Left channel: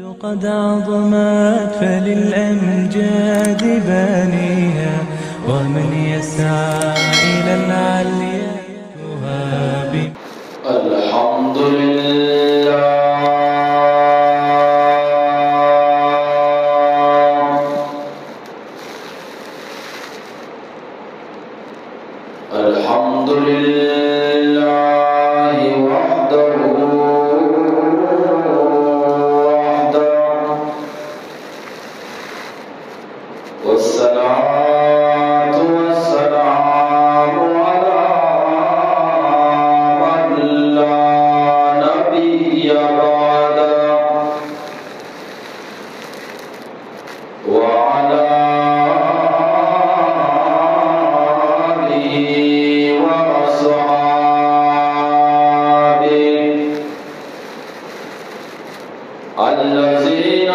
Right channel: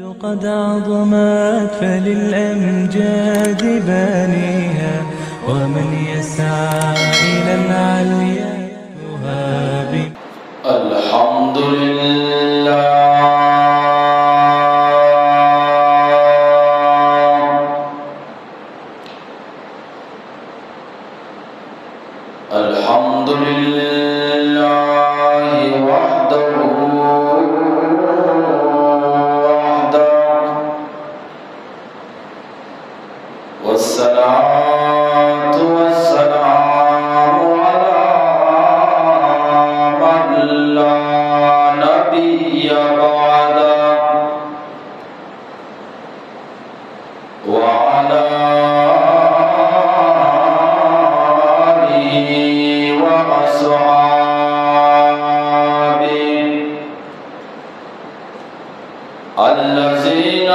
قد عظمت فللأمجاد بانيها ومن يسعى إلى العليا يهاب. الحمد لله الحمد لله وحده والصلاة والسلام على من لا نبي بعده وعلى آله وأصحابه الذين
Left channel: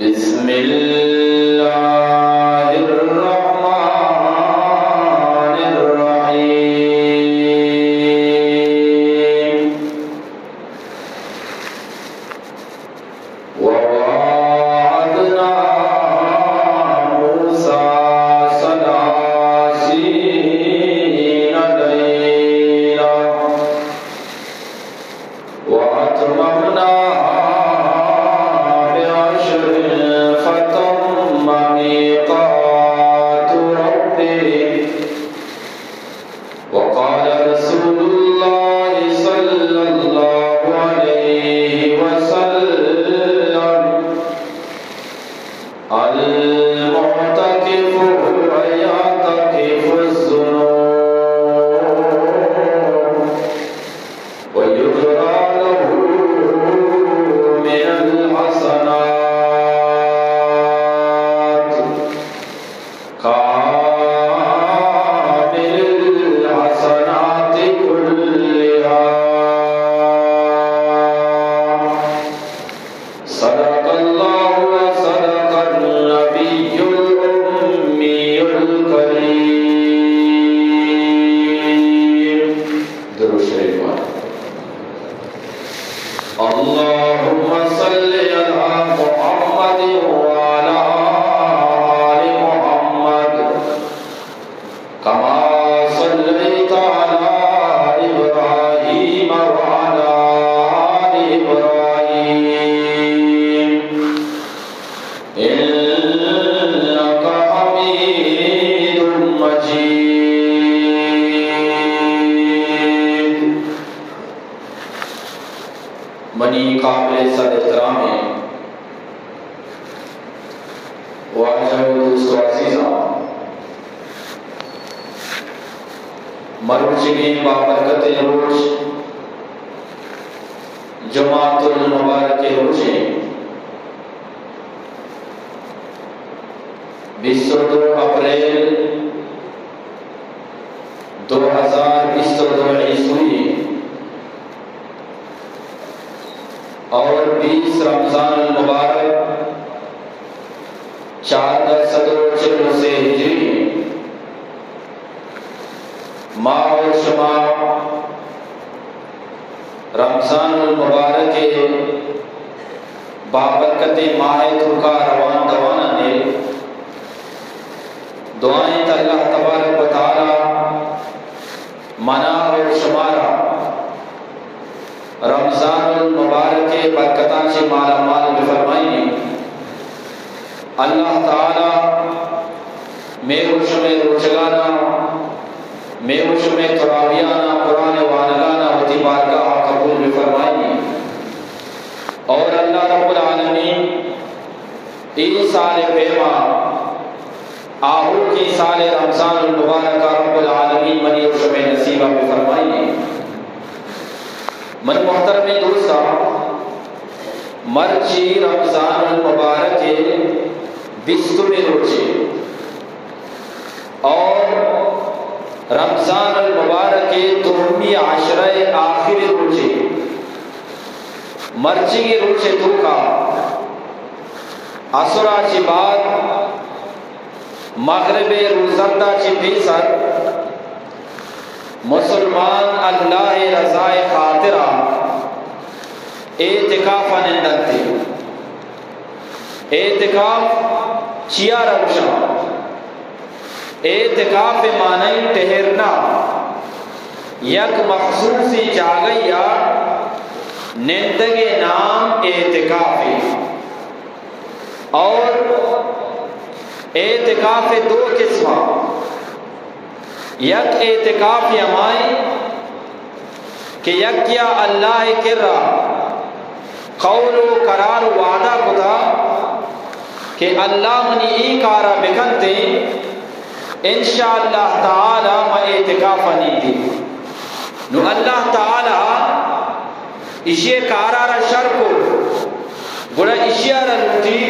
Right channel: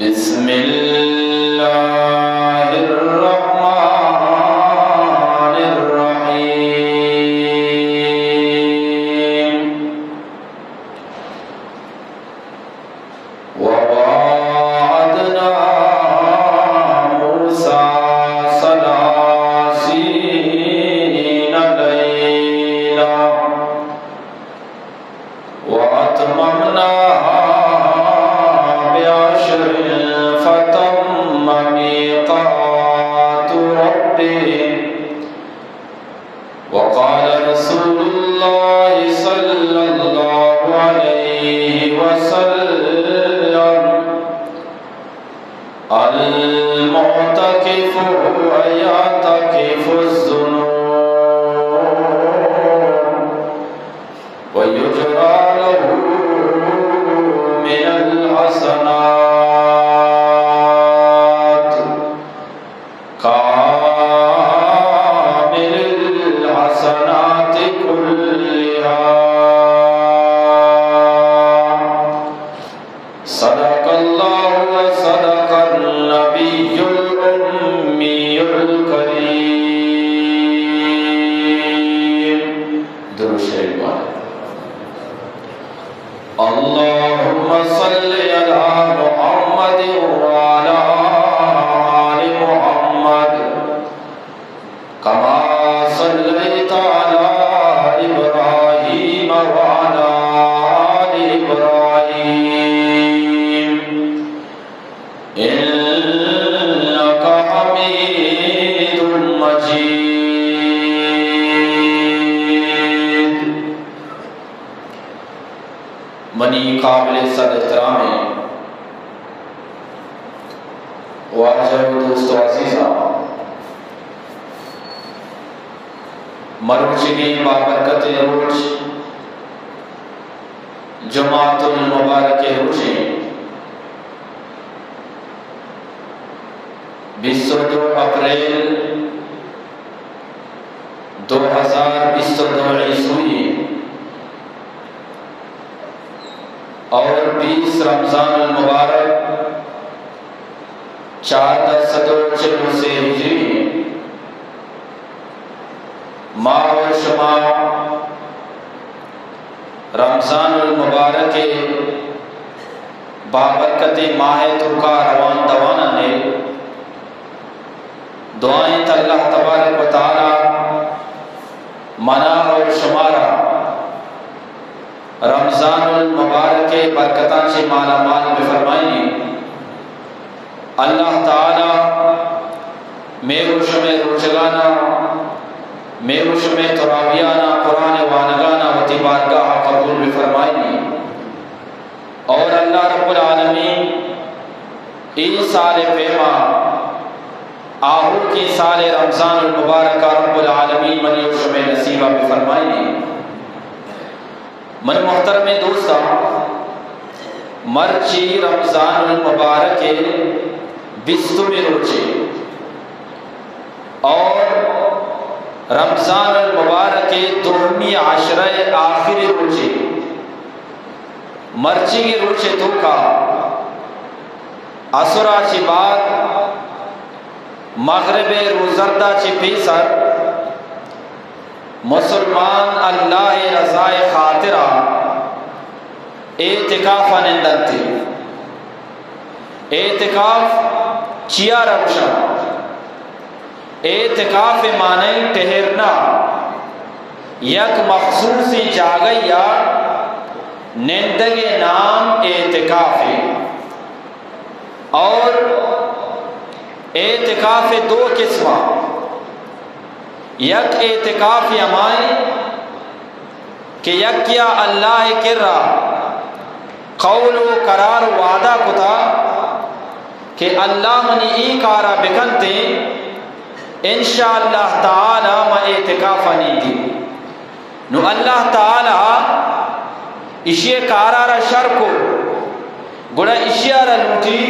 بسم الله الرحمن الرحيم ووعدنا موسى 30 ليلة وأتممنا وقال رسول الله صلى الله عليه وسلم المعتكف يعتكف الذنوب ويجرى له من الحسنات صدق الله وصدق النبي الأمي الكريم. درود شریف اللهم صل على محمد وعلى آل محمد كما صليت على إبراهيم وعلى آل إبراهيم إنك حميد مجيد. منی قابل صد احترام ہے واجب دوست و عزیزہ مروچگین بابرکت روچ جماعت المبارک روچے 22 اپریل 2022 عیسوی اور 20 رمضان المبارک 1446 سے ہجری ماہ و شمع رمضان المبارک کے بابرکت ماہ ترکا روان دوانا نے دعائیں اللہ تبارک و تعالی منا اور شمارا رمضان المبارک کے برکتاں سے مالا مال بفرمائیں. اللہ تعالی میروش میں روچگانا میروش میں تراویانا قرآن وانگانا ہوتی بارگاہ قبول بفرمائیں. اور اللہ رب العالمین یہ سارے پیما آہو کی سارے رمضان المبارک رب العالمین میروش میں نصیبہ بفرمائیں. من محترم دوستا مرچی رمضان المبارک بستر میں روچے اور رمضان المبارک دومی عشرہ آخری روچے مرچی کی روچے تو کا اسرا چی بعد مغرب روزردہ چی پیسر مسلمان اللہ رضائے خاطرہ اعتکاف نندتے اعتکاف چیا روشا اعتکاف معنی ٹہرنا یک مخصوصی جاگہ یا نندگے نام اعتکافی اور اعتکاف دو قسمہ یک اعتکاف ہماری کہ یک کیا اللہ کرا قول و قرار و وعدہ کتا کہ اللہ منی ای کارا بکنتے انشاءاللہ تعالی میں اعتکاف نہیں دی نو اللہ تعالی اشیاء کارا را شر کو گوڑا اشیاء را لوٹی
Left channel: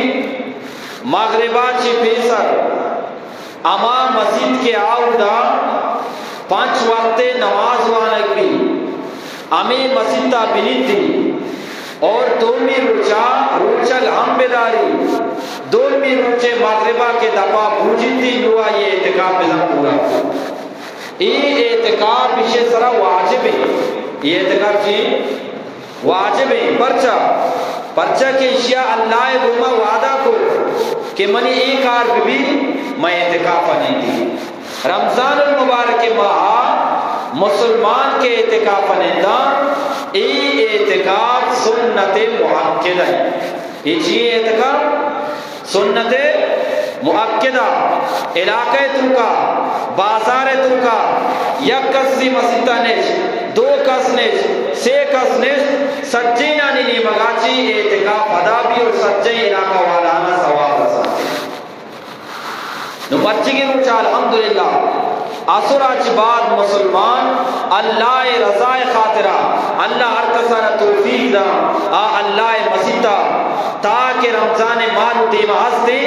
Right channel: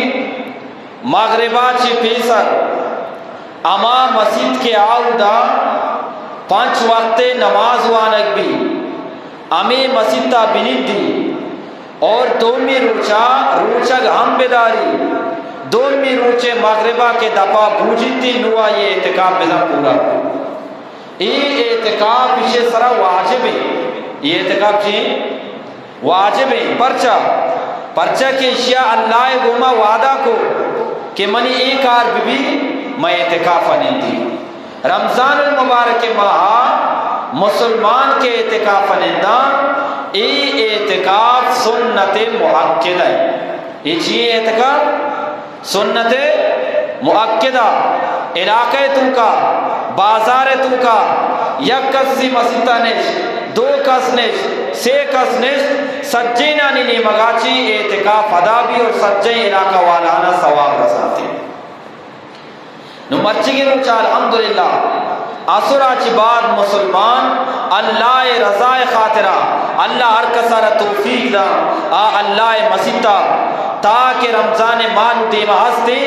مغربہ چی پیسر اما مسجد کے آودا 5 وقت نماز وانک بھی امی مسجد تا بنید دی اور دومی روچل ہم بیداری دومی روچے مغربہ کے دفعہ بوجید دی نوا یہ اعتکاف بزن پورا یہ اعتکاف اسے سرا واجب ہے یہ اعتکاف چی واجب ہے پرچہ کہ اشیاء اللہ گوما وعدہ کو کہ منی ایک آر بھی میں اعتکاف نہیں دی رمضان المبارک ماہ مسلمان کے اعتکاف نندہ ای اعتکاف سنت مؤکدہ یہ چیئے اعتکاف سنت مؤکدہ علاقہ ترکا بازار ترکا یک کسی مسیطہ نیش 2 کس نیش 3 کس نیش سجینہ نینی مگاچی اعتکاف ادا بھی اور سجین علاقہ والانا سوال رساتے نمچی کے روچہ الحمدللہ اسرا چی بعد مسلمان اللہ رضائے خاطرہ اللہ ہر کسر توفیق دا اللہ مسیطہ تاکہ رمضان مالو دیما ہستے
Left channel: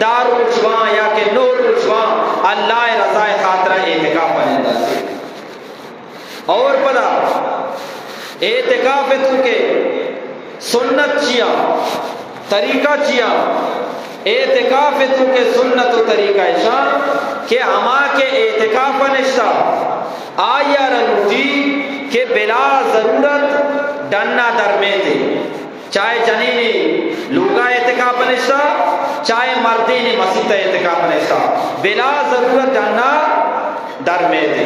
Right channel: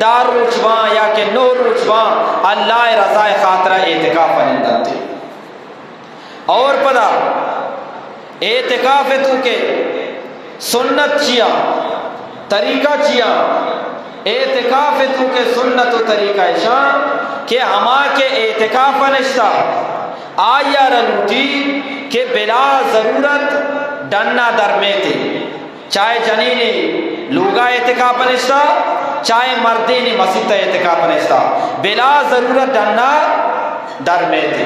دار روچوان یا کہ نور روچوان اللہ رضائے خاطرہ اعتکاف نندہ تے اور پدا اعتکاف تو کے سنت چیا طریقہ چیا اعتکاف تو کے سنت و طریقہ ایشا کہ ہما کے اعتکاف نشتا آیا رلوٹی کہ بلا ضرورت ڈننا درمے تھے چاہے جنینی لوگا اعتکاف نشتا چاہے مردینی مسیطہ اعتکاف نشتا بلا ضرورت ڈننا درمے تھے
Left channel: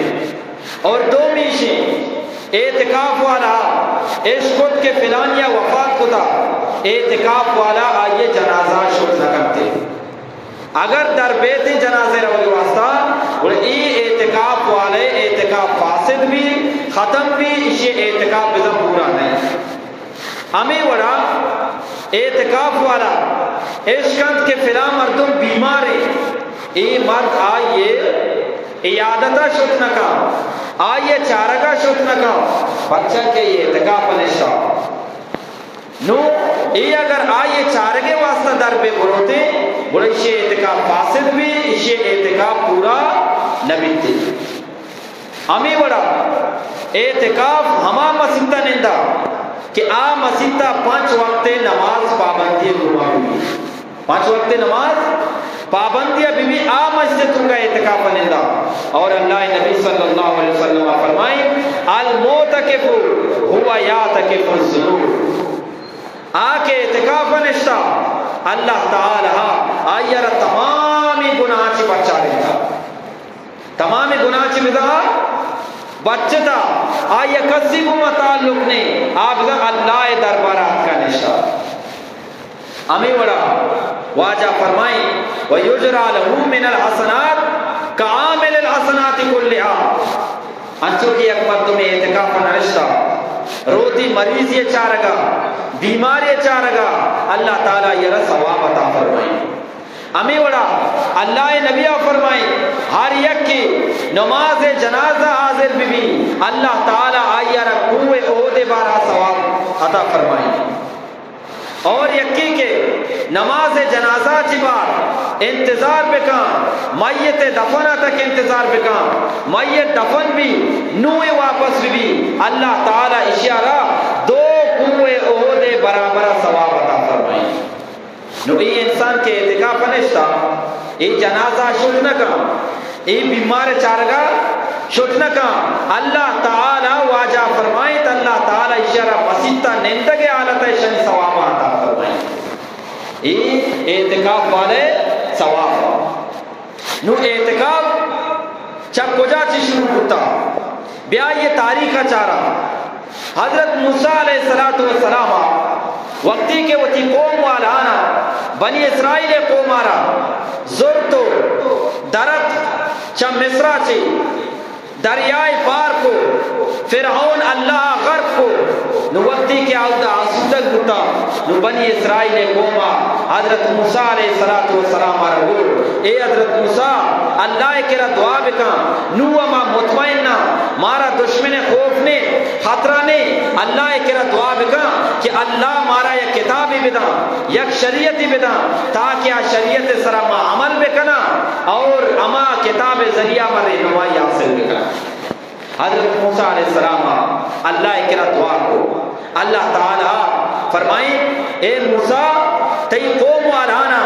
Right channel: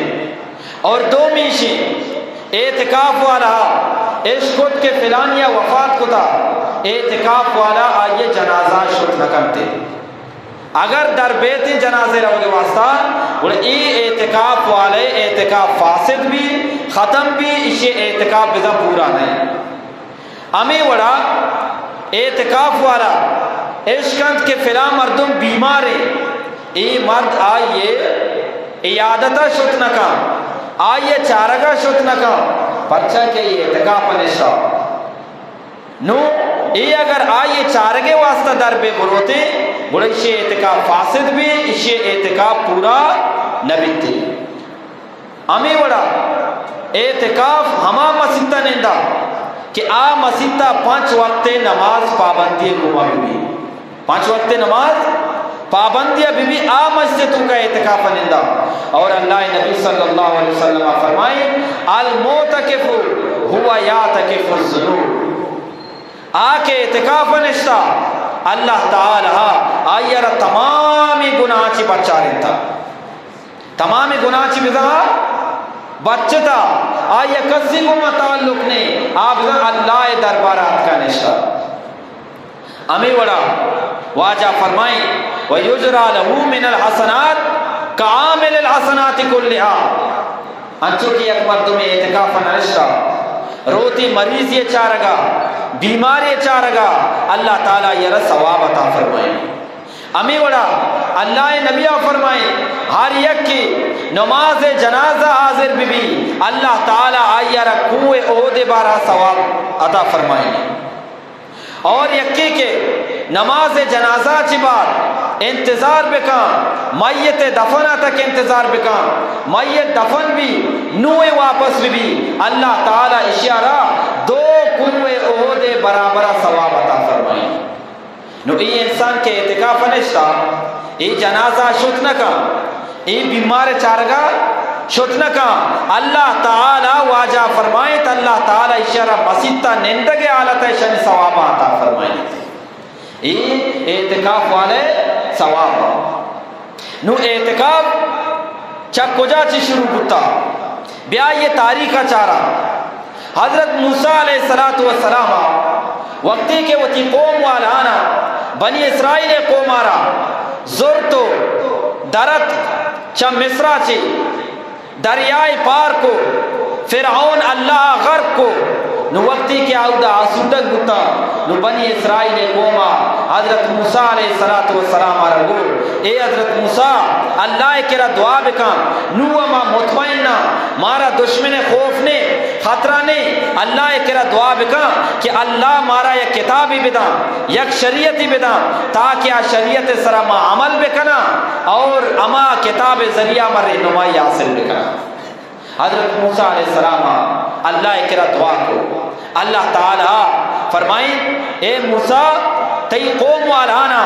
اور دو میشی اعتکاف والا اس خود کے فلانیہ وفات کتا اعتکاف والا آئیے جنازہ شد رکھتے اگر در بیت جنازے رہے واسطہ اور ای اعتکاف والے اعتکاف فاسد بھی ختم بھی اسے اعتکاف بزا پورا نہیں ہمیں وڑا اعتکاف والا اشکند کے فلاں مردم بیمار ہے ای مرد آئیے عیادتہ شد نکا آئیے چارگا شد نکا بچہ کے یہ اعتکاف نشتا نو ای اگر آئیے چارگے واسطہ در بے بروتے بڑے اسے اعتکاف فاسد بھی اسے اعتکاف پورا نبی تھی ہمیں بڑا اعتکاف ہما مسیطہ نندہ کہ آ مسیطہ 5 وقت نماز پابندی روح بھی 5 وقت نماز پابندی بھی آ مسجد کا اعتکاف نندہ اور اللہ نبی صلی اللہ علیہ وسلم فرمائے الموتکف ہوا یاتکف الذنوب آکے اعتکاف نشتا اللہ تعالی آئیر تمامی گناہ چی بچا رہتا تمامی گناہ چی بزا بچتا آئیے کسی کو متعلق نہیں آپ اللہ دربارات کا نشتا ہمیں بڑا واجہ فرمائی وَيُجْرَى لَهُ مِنَ الْحَسَنَاتِ كَعَامِلِ الْحَسَنَاتِ كُلِّهَا انچو کی ایک مرد میں اعتکاف نشتا روتی مریض یہ چارگا بیمار یہ چارگا اللہ تعالیٰ یہ ثواب عطا فرمائے ہمیں بڑا اللہ نبی فرمائے ہر یک کی نماز جنازہ حاضر بھی اللہ تعالیٰ آئیہ رکھوے عہدے بارہ ثواب عطا فرمائے اور یکی کے نماز جنازہ چبار انتظار بکا میت دفنہ تک انتظار بکن میت دفن بھی نوے واپس بھی اللہ تعالی اشارہ دو کوئے احد برابر ثواب عطا فرمائیں. نو ای انسان کے اعتکاف نشتا ای جنازہ شد نکا ای بیمار چارگا شد نکا اللہ تعالی واجہ فرمائیں تو اللہ تعالی اشارہ مسیطہ نندگے حالت شن ثواب عطا فرمائیں. ای اعتکاف والے ثواب نو اعتکاف چک کجا چی شروع کرتا بیا یہ تاریخ چارا حضرت موسیٰ علیہ السلام وقتی کے وہ تی قوم والانا بنی اسرائیل قوم آرا زورتو درت چا مصرہ چی دریائے پار کو فرعون اللہ غرق کو نو وقتی کے آدھا آسودک ہوتا نو بنی اسرائیل قوم حضرت موسیٰ علیہ السلام آرا گو اے حضرت موسیٰ اللہ کرا دعا بکن نو ما مطمئنہ مارا دشمن خوف نے خطرہ نے اللہ کرا دعا بکن کہ اللہ مارا یک کتابی بدا یک شریعتی بدا تاکہ شریعت سرما عمل بکنا اور اما کتاب ذریعہ مارے نوائی حاصل بکنا. حضرت موسیٰ علیہ السلام اللہ کرا دعا کو اللہ تعالی فرمائیں اے موسیٰ تی قوم والانا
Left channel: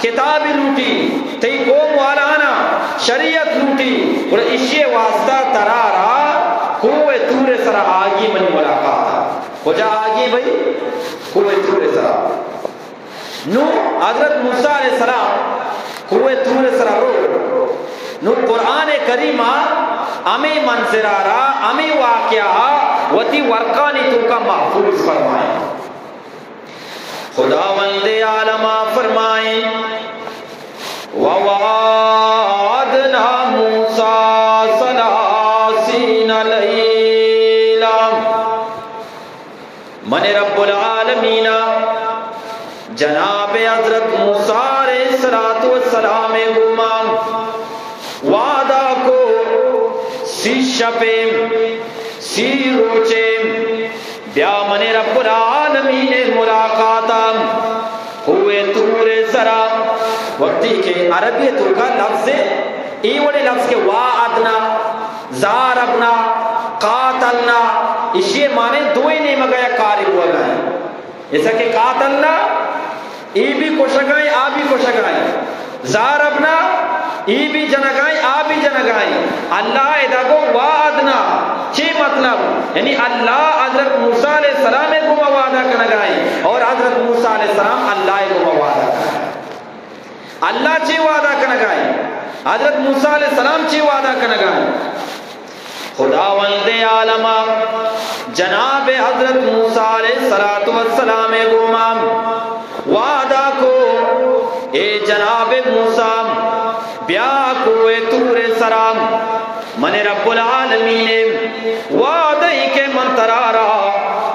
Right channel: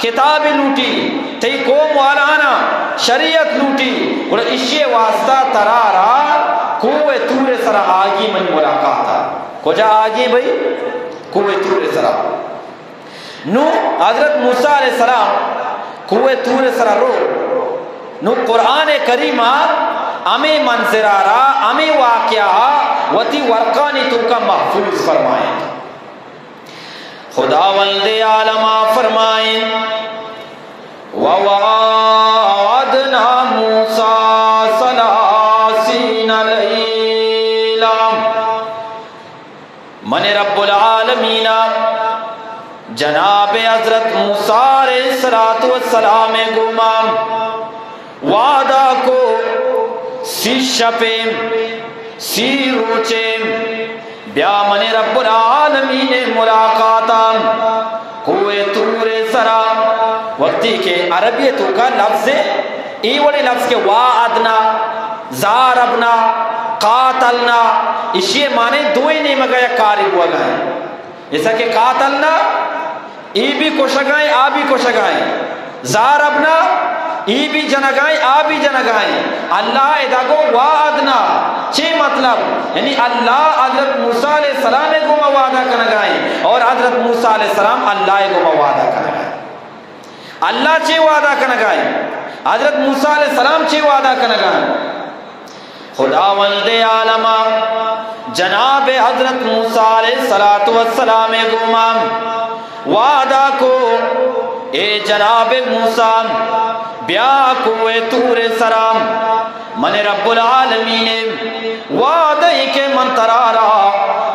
کتاب لوٹی تی قوم والانا شریعت لوٹی اور اسی واسطہ ترارا کوئے تور سرا آگی من ملاقات ہو جا آگی بھئی کوئے تور سرا نو حضرت موسیٰ علیہ السلام کوئے تور سرا رو نو قرآن کریمہ امی منظرارا امی واقعہ وتی ورقانی تو کا محفوظ فرمائیں. خداوند عالمہ فرمائیں وَوَعَدْنَا مُوسَىٰ ثَلَاثِينَ لَيْلًا من رب العالمین جناب حضرت موسیٰ علیہ السلام گمان وعدہ کو سی شپیں سی روچیں بیا من رب العالمین ملاقاتان ہوئے تور سرا وقتی کے عربیتوں کا لفظ ای وڑے لفظ کے وعدنا زاربنا قاتلنا اسی معنی دوئی نہیں مگا یا کاری ہوا گئے ایسا کہ قاتلنا ای بھی کشگائیں آ بھی کشگائیں زاربنا ای بھی جنگائیں آ بھی جنگائیں اللہ ادا کو وعدنا چھ مطلب یعنی اللہ حضرت موسیٰ علیہ السلام کو وعدہ کنگائیں اور حضرت موسیٰ علیہ السلام اللہ کو وعدہ کنگائیں. اللہ چھ وعدہ کنگائیں حضرت موسیٰ علیہ السلام چھ وعدہ کنگائیں. خداوند عالمہ جناب حضرت موسیٰ علیہ السلام گمان وعدہ کو اے جناب موسیٰ بیا کوئے تور سرام من رب العالمین وعدہی کے من ترارا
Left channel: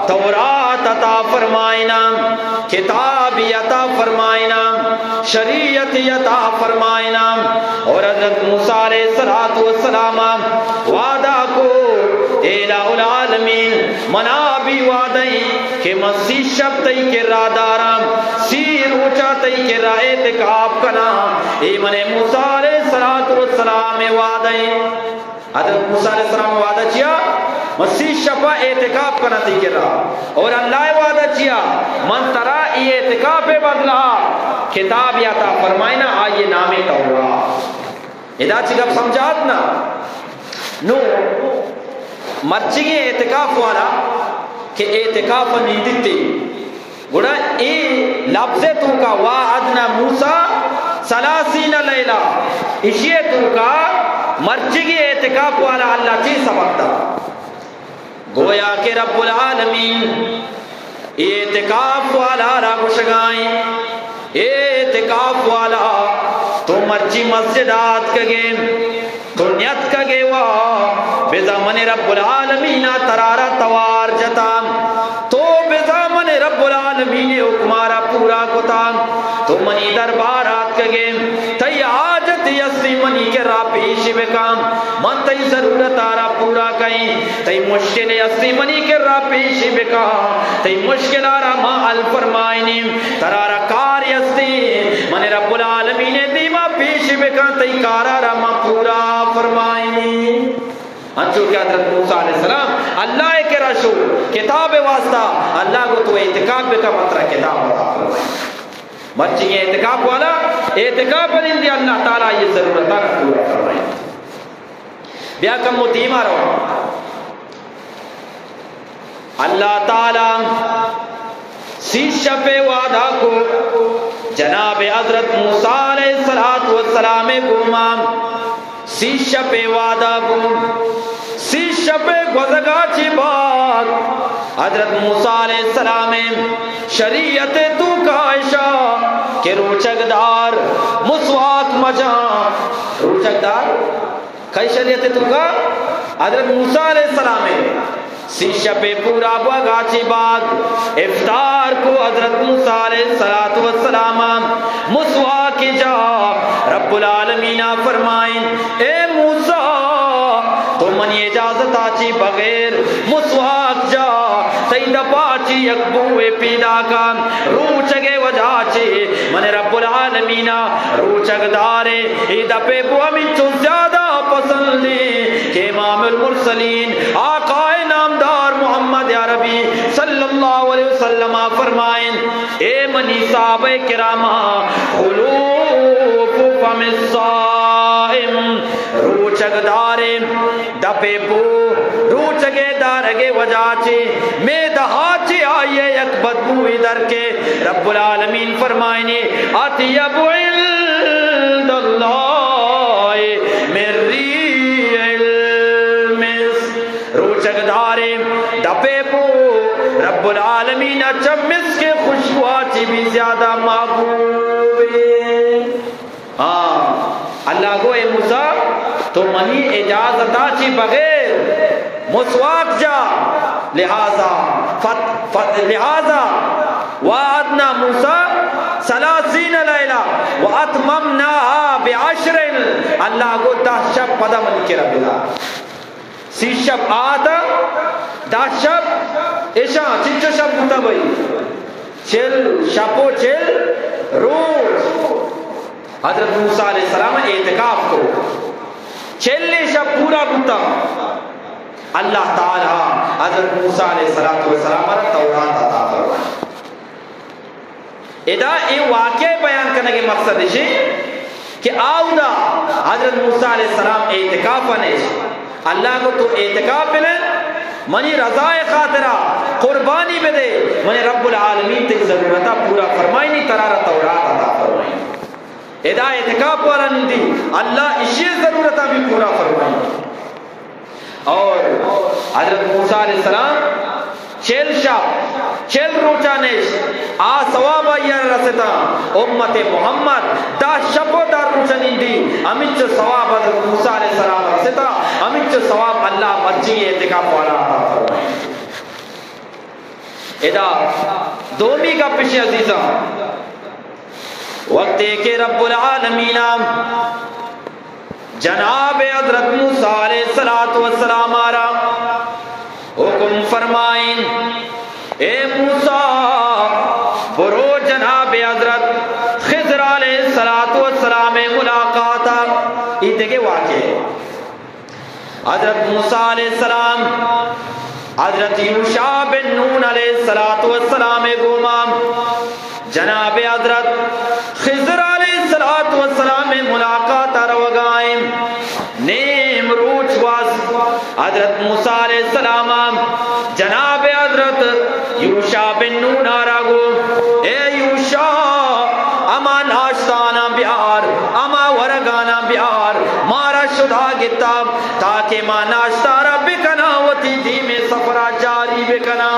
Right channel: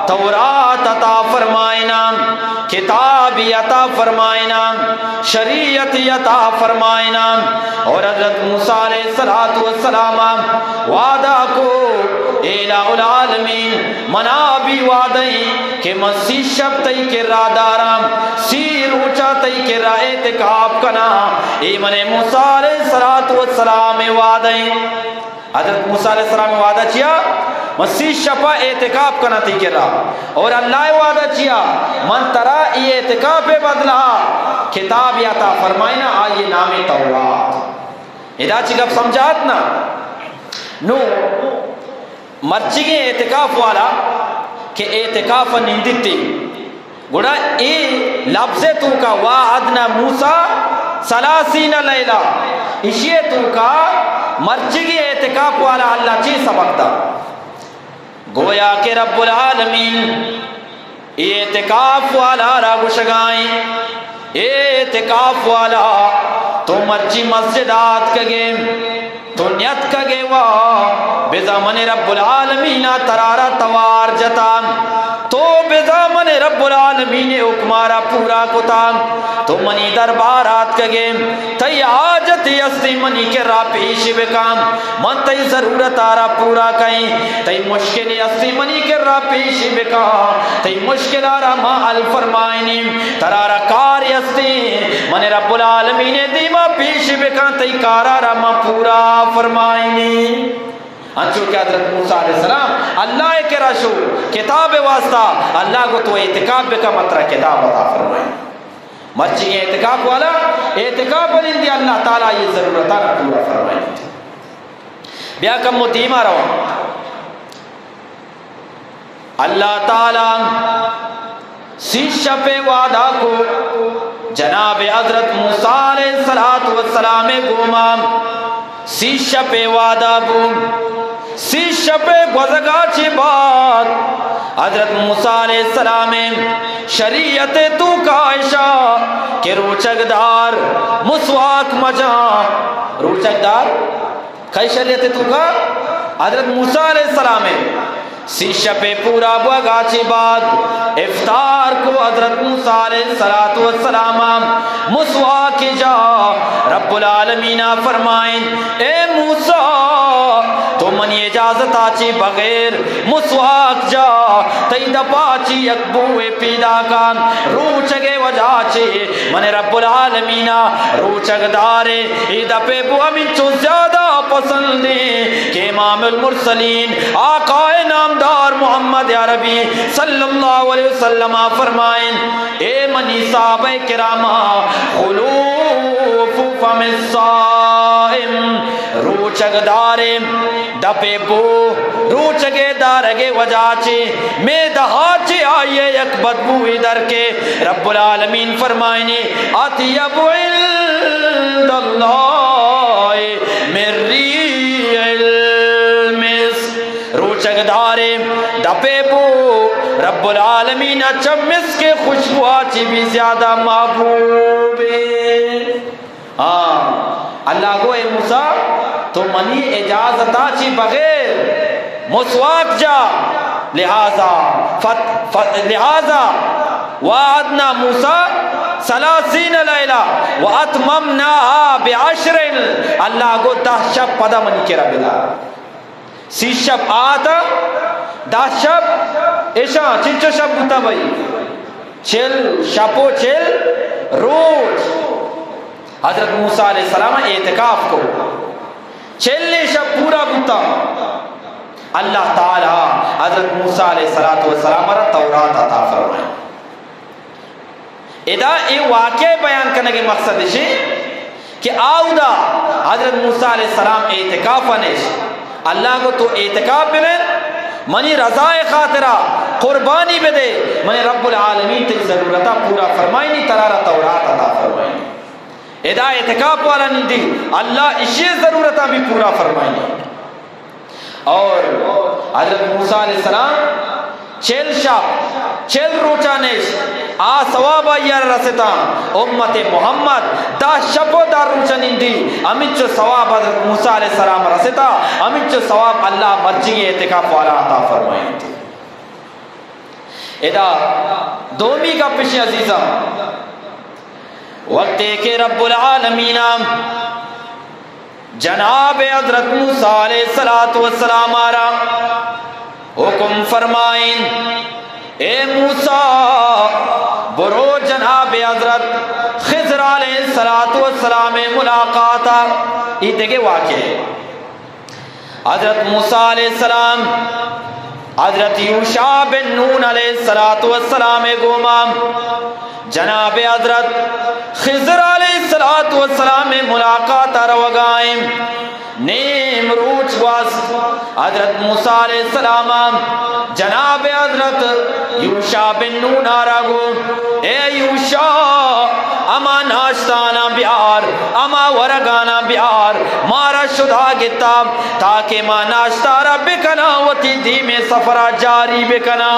تورات عطا فرمائنا کتاب عطا فرمائنا شریعت عطا فرمائنا اور حضرت موسیٰ علیہ السلام وعدہ کو الہ العالمین منا بھی وعدہی کہ مسیح شب تی کے رادارم سی روچا تی کے رائے تکاب کنا ایمن موسیٰ علیہ السلام وعدہی حضرت موسیٰ علیہ السلام وعدہ چیا مسیح شفا اعتکاف کرنا تھی کر رہا اور اللہ وعدہ چیا من ترا ای اعتکاف بدلا کتاب یاتا فرمائنا آئیے نام تورات ادا چگب سمجھات نا نو مرچگی اعتکاف والا کہ اعتکاف نیندتی گوڑا ای لفظ تو کا وعدنا موسیٰ ثلاثین لیلہ اسی تو کا مرچگی اعتکاف والا اللہ چی سبق دا گویا کہ رب العالمین اعتکاف والا را گشگائیں اعتکاف والا تو مرچی مسجدات کگے تو نیت کگے وا بزمن رب العالمین ترارا توار جتام تو بزمن رب العالمین حکمارا پورا کتام تو منی دربارات کگے تی آجت یستی منی کے را پیش بکام من تی ضرورت آرا پورا کہیں تی مشکل یستی منی کے را پیش بکام تی مشکل آرا ما الفرمائنیم ترارا کار یستی من رب العالمین دیما پیش بکام تی کارا را ما علیہ السلام اللہ کے رشو کتاب واسطہ اللہ کو تو اعتکاف کا مطلب کتاب عطا فرمائے مرچی کے اعتکاف والا اعتکاف بنندی اللہ تعالیٰ یہ ضرورتہ کا پورا فرمائے بیا کم متیمہ رہا اللہ تعالیٰ سیشہ پہ وعدہ کو جناب حضرت موسیٰ علیہ السلام گومام سیشہ پہ وعدہ کو سیشہ پہ گزگا چی بار حضرت موسیٰ علیہ السلام شریعت تو کائشہ کہ روچک دار مسواک مجا روچک دار کئی شریعت تو کا حضرت موسیٰ علیہ السلام سیشہ پہ پورا بگا چی بعد افطار کو حضرت موسیٰ علیہ السلام مسواک جا رب العالمین فرمائیں اے موسیٰ تو من اجازت آچی بغیر مسواک جا تیدہ پاچی اکبوے پیدا کام روچگے وجہ چی من رب العالمین روچگ دارے ایدہ پہ بو ہمیں چو زیادہ پسند لے کہ امام المرسلین آقا محمد عربی صلی اللہ علیہ وسلم فرمائیں اے منی صحابہ کرامہ خلوف فم الصائم روچگ دارے دپے پو روچگے دارگے وجہ چے میں دہا چے آئیے یک بدبو ادھر کے رب العالمین فرمائیں اطیب عند اللہ من ریح المسک روچگ دارے دپے پو رب العالمین چمس کے خوشبو آچی بھی زیادہ محبوب ہاں اللہ کو اے موسیٰ تو منی اجازت آچی بغیر مسواک جا لہذا وعدنا موسیٰ 30 لیلہ واتممناها بعشر اللہ کو 10 شب پدا من کے رب اللہ 30 شب آتا 10 شب ایشا چنچو شب ہوتا بھئی 40 شبو 40 روز حضرت موسیٰ علیہ السلام اعتکاف کو 40 شب پورا ہوتا اللہ تعالیٰ حضرت موسیٰ علیہ السلام تورات عطا فرمائے ادا ایک واقعہ بیان کرنے کے مقصد ہے کہ آؤدا حضرت موسیٰ علیہ السلام اعتکاف انیش اللہ کو تو اعتکاف بھی میں منی رضائے خاطرہ قربانی بھی دے منی رب العالمین تے ضرورتہ پورا فرمائی نہیں ترارہ تورات عطا فرمائی ادا اعتکاف والا نہیں دی اللہ اسی ضرورتہ بھی پورا فرمائی اور حضرت موسیٰ علیہ السلام 40 شب 40 روچانش ثواب آئیر رستا امت محمد 10 شب و 10 روچانین دی امیچ ثواب حضرت موسیٰ علیہ السلام رستا امیچ ثواب اللہ مرجی اعتکاف والا عطا فرمائے ادا دومی کا پشی عزیزہ وقتے کے رب العالمین جناب حضرت موسیٰ علیہ السلام آرہا حکم فرمائیں اے موسیٰ برو جناب حضرت خضر علیہ السلام ملاقاتا یہ دیکھے واقعے حضرت موسیٰ علیہ السلام حضرت یوشع بن نون علیہ السلام گومام جناب حضرت خضر علیہ السلام ملاقات روگائیں نیم روچ واس حضرت موسیٰ علیہ السلام جناب حضرت یوشع بن نون آراگو اے یوشع اما ناشتانا بیار اما ورگانا بیار مارا شدہ گتاب تاکہ ما ناشتارا بکنا وتی دی میں سفرہ جاری بکنا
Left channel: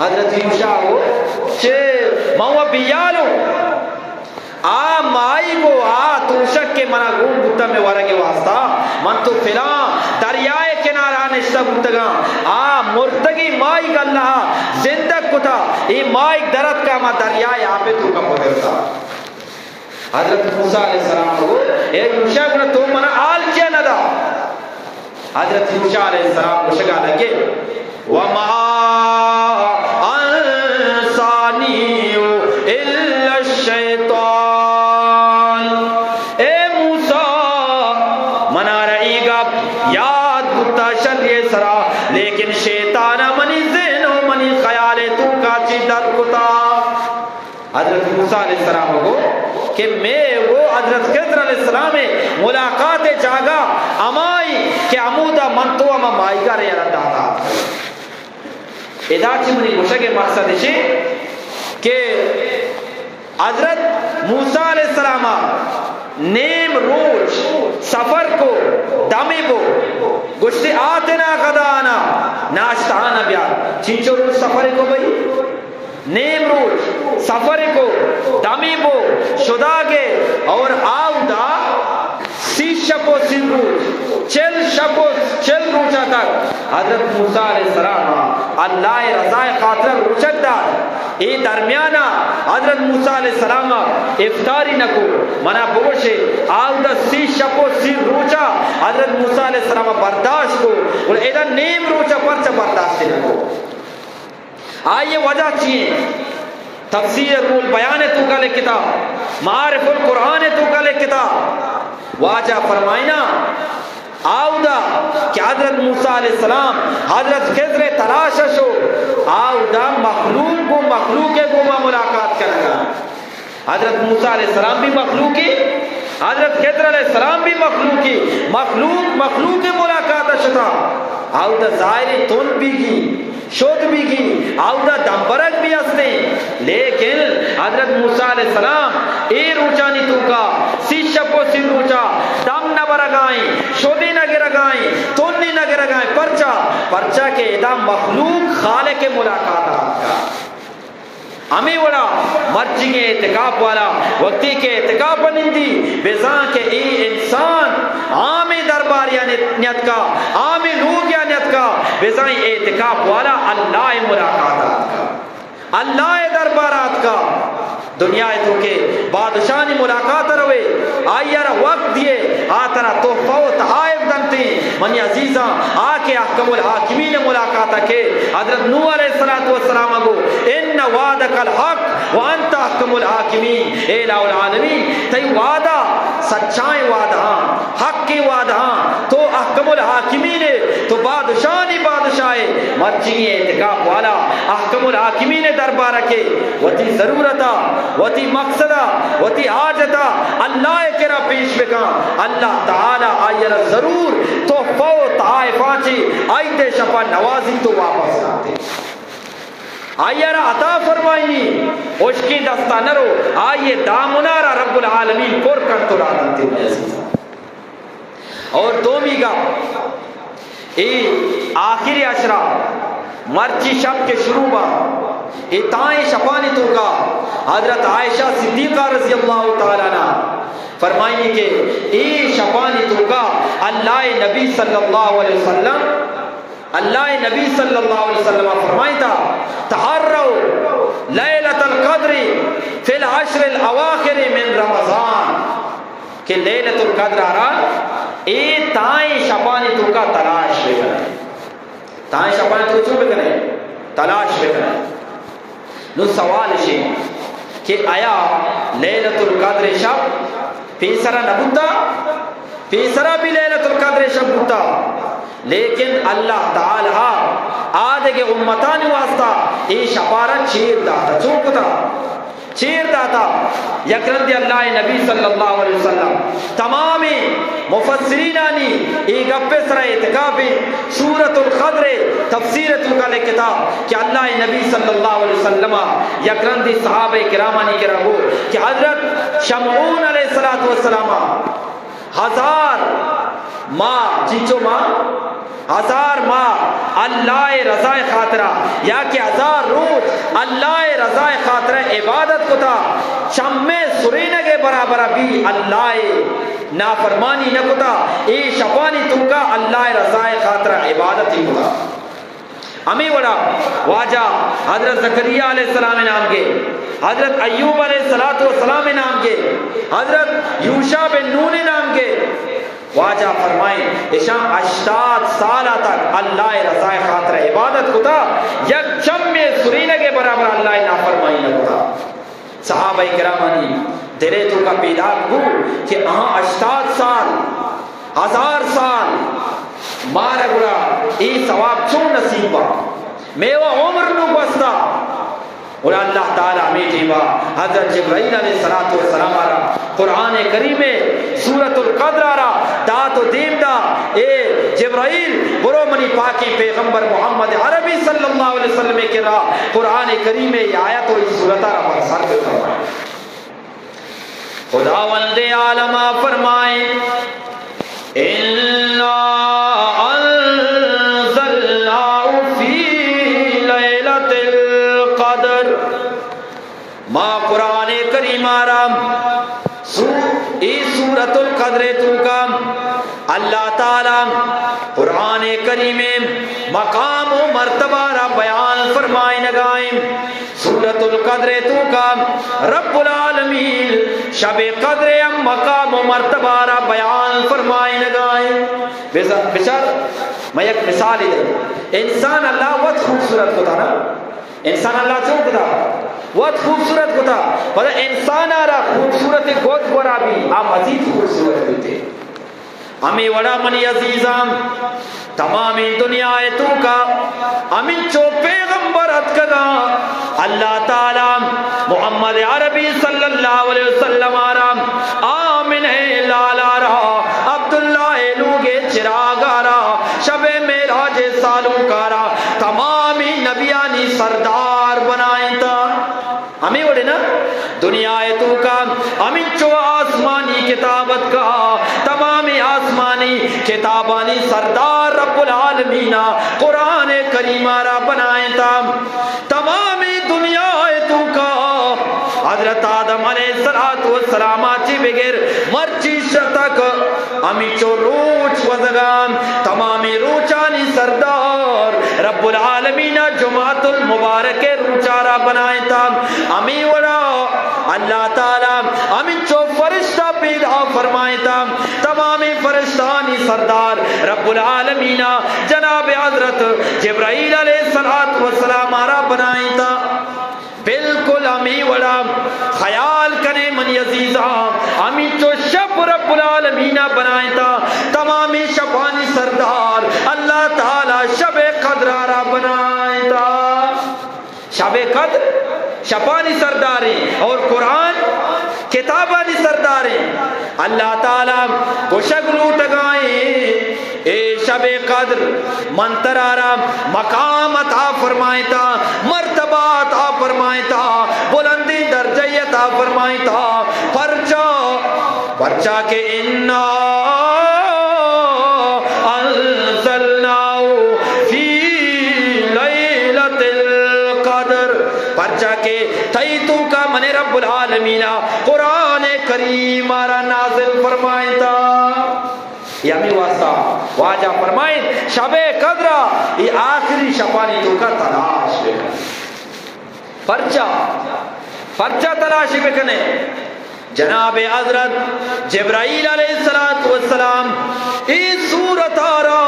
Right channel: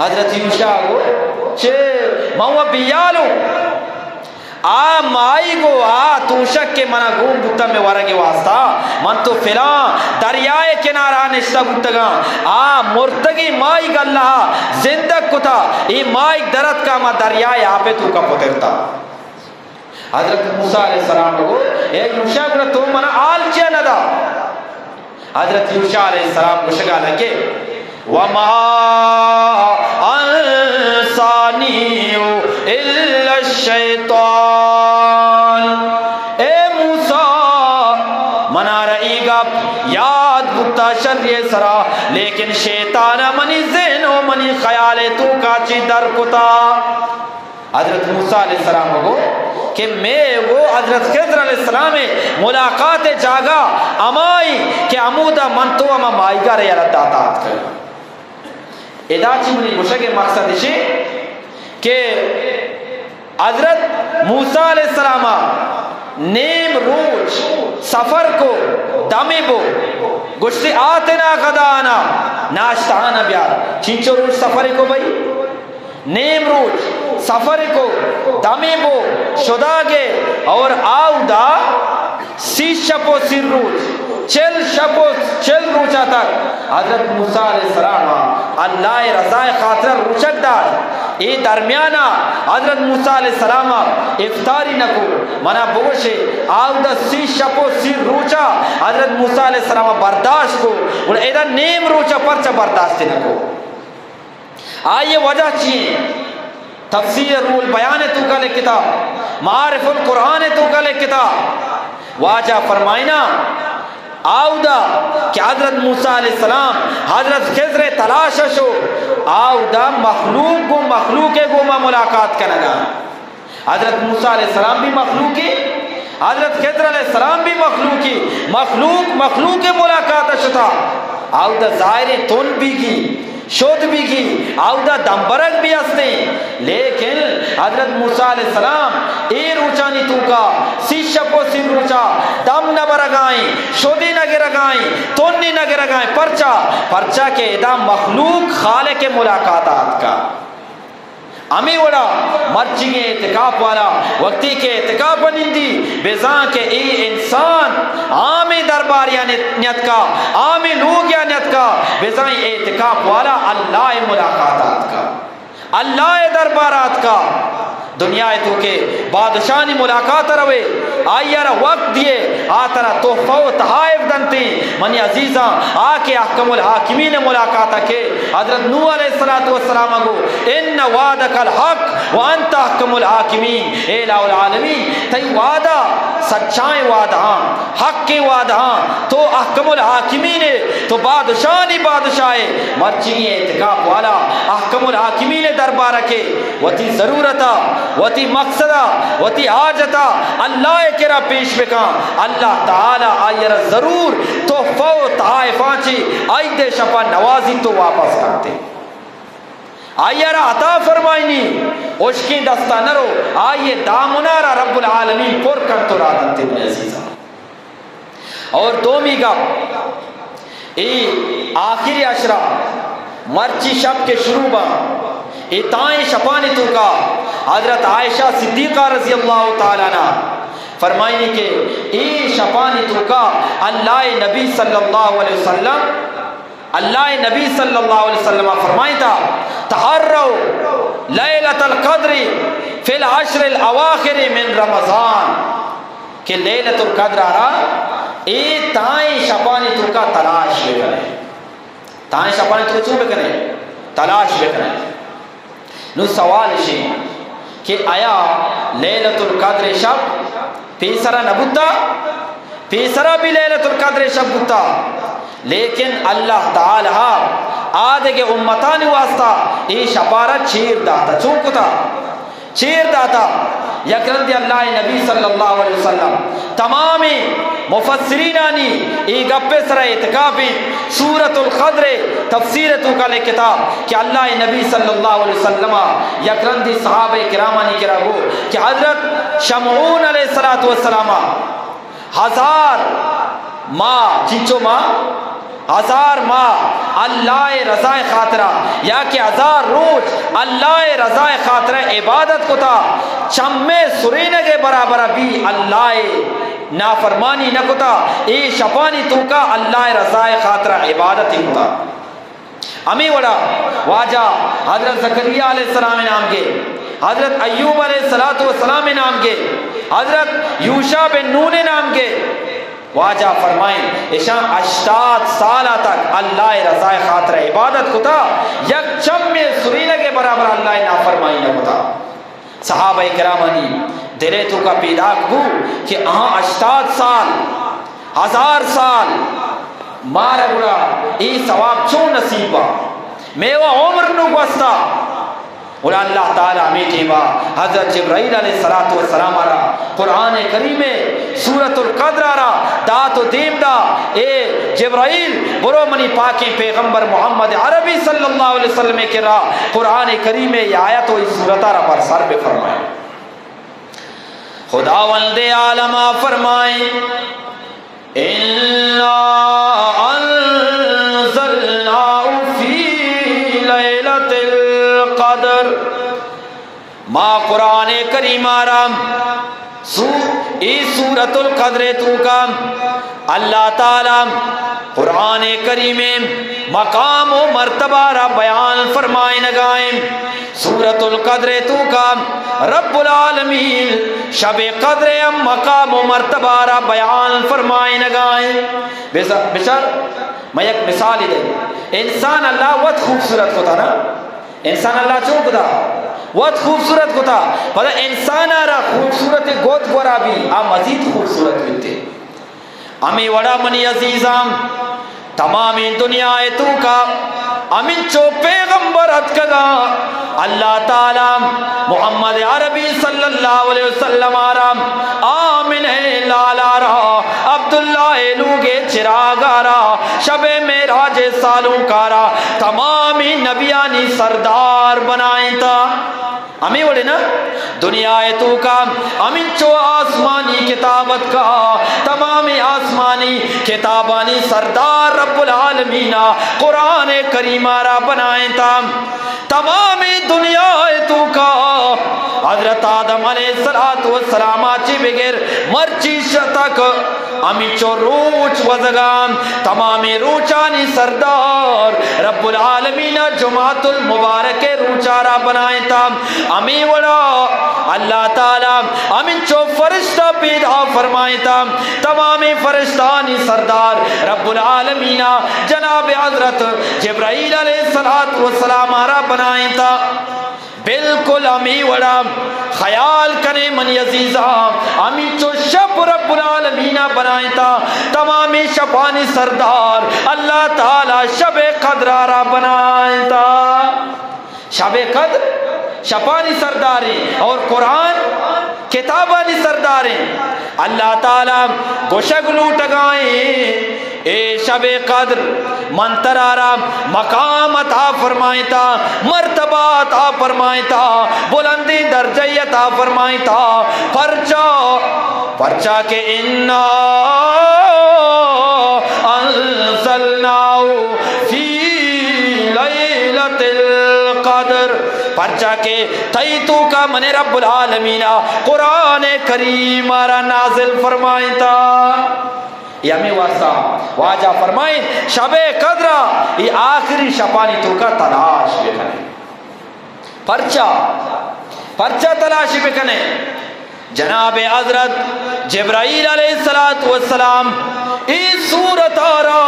حضرت یوشع کو چھے ماں بیالو مائی گو توشک کے منا گون بھتا میں ورگے واسطہ من تو فلان دریائے کنارہ نشتہ بھتگا مرتگی مائی گا اللہ زندگ کتا یہ مائی درد کا ما دریائے آپ تو کا پکرتا حضرت موسیٰ علیہ السلام کو اے یوشع کو تو منا آل کیا ندا حضرت یوشع علیہ السلام کو شکا لگے وَمَا ادا چمنی گوشے کے مقصد ہے کہ حضرت موسیٰ علیہ السلام نیم روچ سفر کو دمی بو گشتی آتنا غدانا ناشتانا بیا چینچو روچ سفر کو بھئی نیم روچ سفر کو دمی بو شدا گے اور آو دا 30 شپو 30 روچ 40 روچا تک حضرت موسیٰ علیہ السلام اللہ رضا خاطر روچک دا ای درمیانا حضرت موسیٰ علیہ السلام افطاری نکو منا بوشے آو دا 30 شپو 30 روچا حضرت موسیٰ علیہ السلام برداشت کو اور ایدہ نیم روچا پرچا برداشت نکو آئیے وجہ چیئے تفسیر رول بیان تو کل کتاب معارف القرآن تو کل کتاب واجہ فرمائنا آو دا کہ حضرت موسیٰ علیہ السلام حضرت خضر تلاش شو آو دا مخلوق کو مخلوق کے گوما ملاقات کرنا حضرت موسیٰ علیہ السلام بھی مخلوقی حضرت خضر علیہ السلام بھی مخلوقی مخلوق کے ملاقات شتا آو دا ظاہر تن بھی کی شد بھی کی آو دا دمبرک بھی ہستے لیکن حضرت موسیٰ علیہ السلام اے روچانی تو کا 30 شپو 30 روچا دم نہ برگائیں شدی نہ گرگائیں تنی نہ گرگائیں پرچا کے ادا مخلوق خالق کے ملاقاتات کا ہمیں وڑا مرچی کے اعتقاب والا وقتی کے اعتقاب بنندی بیزاں کے ای انسان عامی درباریا نیت کا عامی لوگیا نیت کا بیزاں اعتقاب والا اللہ ملاقاتات کا اللہ دربارات کا دنیا تو کے بادشاہی ملاقات روے آئیر وقت دیے آتنا تحفہ و تحائف دنتی منی عزیزاں آکے احکم الحاکمین ملاقاتہ کے حضرت نوح علیہ السلام کو ان وعدک الحق وانت احکم الحاکمین اے الہ العالمین تی وعدہ سچائیں وعدہ حق کی وعدہ تو احکم الحاکمین تو بادشاہی بادشاہ مرچی اعتقاب والا احکم الحاکمین دربارہ کے وتی ضرورتا وتی مقصدہ وتی حاجتا اللہ کرا پیش بکا اللہ تعالی آئیر ضرور تحفہ و تحائفہ چی آئیتے شپا نوازی تو واپس آتے آئیر عطا فرمائنی اس کی دستہ نرو آئیے دامنارا رب العالمین پر کم تو رادنتے ہوئے عزیزہ اور دومی کا آخری عشرہ مرچی شب کے شروع با اتائیں شپانی تو کا حضرت عائشہ صدیقہ رضی اللہ تعالیٰ عنہ فرمائنی کہ ای شپانی تو کا اللہ نبی صلی اللہ علیہ وسلم فرمائی تھا تحروا لیلۃ القدر فی العشر الاواخر من رمضان کہ لیلۃ القدر ای تائیں شپانی تو کا تلاش بکرے تائیں شپانی تو چون بکرے تلاش بکرے نو سوال ہے کہ آیا لیلۃ القدر شب پیسرا نبوتا پیسرا بھی لیلۃ القدر شب بوتا لیکن اللہ تعالی آدھے کے امتان واسطہ ای شپارہ چیر داتا چونکتا چیر داتا یکرد اللہ نبی صلی اللہ علیہ وسلم تمامی مفسرین آنی ای گپے سر اعتقابی سورۃ القدر تفسیر تو کا لکھتا کہ اللہ نبی صلی اللہ علیہ وسلم یکرندی صحابہ کرامانی کرا ہو کہ حضرت شمعون علیہ السلام 1000 ماہ چیچو ماہ 1000 ماہ اللہ رضا خاطرہ یا کہ 1000 روز اللہ رضا خاطرہ عبادت کو تھا چمے سرینے کے برابر بھی اللہ نافرمانی نہ کو تھا اے شپانی تو کا اللہ رضا خاطرہ عبادت ہی ہوتا ہمیں وڑا واجہ حضرت زکریا علیہ السلام نام کے حضرت ایوب علیہ السلام نام کے حضرت یوشع بن نون نام کے واجہ فرمائیں اشام 80 سالہ تک اللہ رضا خاطر عبادت کو تھا یک چم میں سرینے کے برابر اللہ نافرمانی نہ ہوتا صحابہ کرامانی دلے تو کا پیدا کو کہ 80 سال 1000 سال مارا بڑا ای ثواب چون نصیب ہوا میوہ عمر نو بستا اور اللہ تعالیٰ ہمیں جیوا حضرت جبرائیل علیہ السلام آرہا قرآن کریم میں سورۃ القدر آرہا دات و دیم دا اے جبرائیل برو منی پاکی پیغمبر محمد عربی صلی اللہ علیہ وسلم کریم یہ آیت و اس صورتہ پر سر بے فرمائے خداوند عالم فرمائے اِنَّا أَنزَلْنَاهُ فِي لَيْلَةِ الْقَدْرِ ما قرآن کریم آرام اس سورة القدر تلکم اللہ تعالی قرآن کریم مقام و مرتبہ را بیان فرمائے نگائیں سورة القدر تلکم رب العالمین شب قدر مقام و مرتبہ را بیان فرمائے نگائیں بسر میں ایک مثال دے انسان اللہ وقت خوبصورت ہوتا نا انسان اللہ چونک دا وقت خوبصورت ہوتا پر انسان را خوبصورت گوت گورا بھی مزید خوبصورت ہوتے ہمیں وڑا منی عزیزام تمام دنیا تو کا امین چو پیغمبر اتکگا اللہ تعالی محمد عربی صلی اللہ علیہ وسلم آرام آمین لالا رہا عبداللہ لوگے چراغا رہا شب میراج سالوں کارا تمامی نبیانی سردار بنائیں تا ہمیں وڑے نا دنیا تو کا امین چو آسمانی کتابت کا تمامی آسمانی کتابانی سردار رب العالمین قرآن کریم را بنائیں تا تمامی دنیا تو کا حضرت آدم علیہ السلام چی بغیر مرچی شتک امی چو روچ وزگام تمامی روچانی سردار رب العالمین جماعت المبارک روچارا بنائیں تا امی وڑا اللہ تعالی امی چو فرشتہ پیدا فرمائیں تا تمامی فرشتانی سردار رب العالمین جناب حضرت جبرائیل علیہ السلام آرہ بنائیں تا بالکل امی وڑا خیال کرے من عزیزہ امی چو شب رب العالمین بنائیں تا تمامی شبانی سردار اللہ تعالی شب قدر آرہ بنائیں تا شب قدر شبانی سرداریں اور قرآن کتابانی سرداریں اللہ تعالی گوشگلو ٹگائیں اے شب قدر منتر آرام مقام عطا فرمائیں تا مرتبہ عطا فرمائیں تا بلندی درجہ عطا فرمائیں تا پرچا کے اِنَّا أَنزَلْنَاهُ فِي لَيْلَةِ الْقَدْرِ پرچا کے تیتو کا من رب العالمین قرآن کریم آرہ نازل فرمائیں تا یہ ہمیں واسطہ واجہ فرمائیں شب قدر یہ آخری شبانی تو کا تلاش بکنے پرچہ تلاشی بکنے جناب حضرت جبرائیل علیہ السلام اس صورت آرہ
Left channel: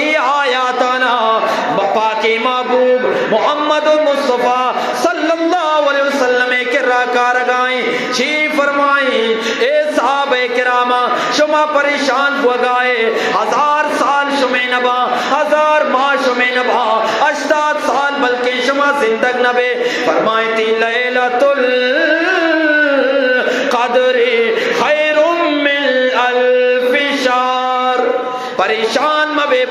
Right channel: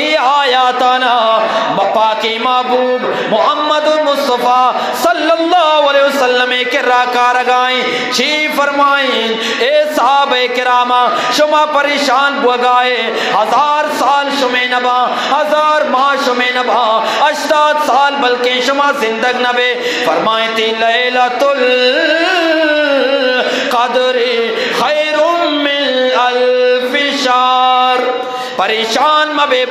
ای آیاتانا پاکی محبوب محمد مصطفیٰ صلی اللہ علیہ وسلم کے راکار گائیں چی فرمائیں اے صحابہ کرامہ شما پریشان بگائے 1000 سال شما نبا 1000 ماہ شما نبا 80 سال بلکہ شما زندگ نبے فرمائیں تی لیلۃ القدر خیر من الف شہر پریشان مبے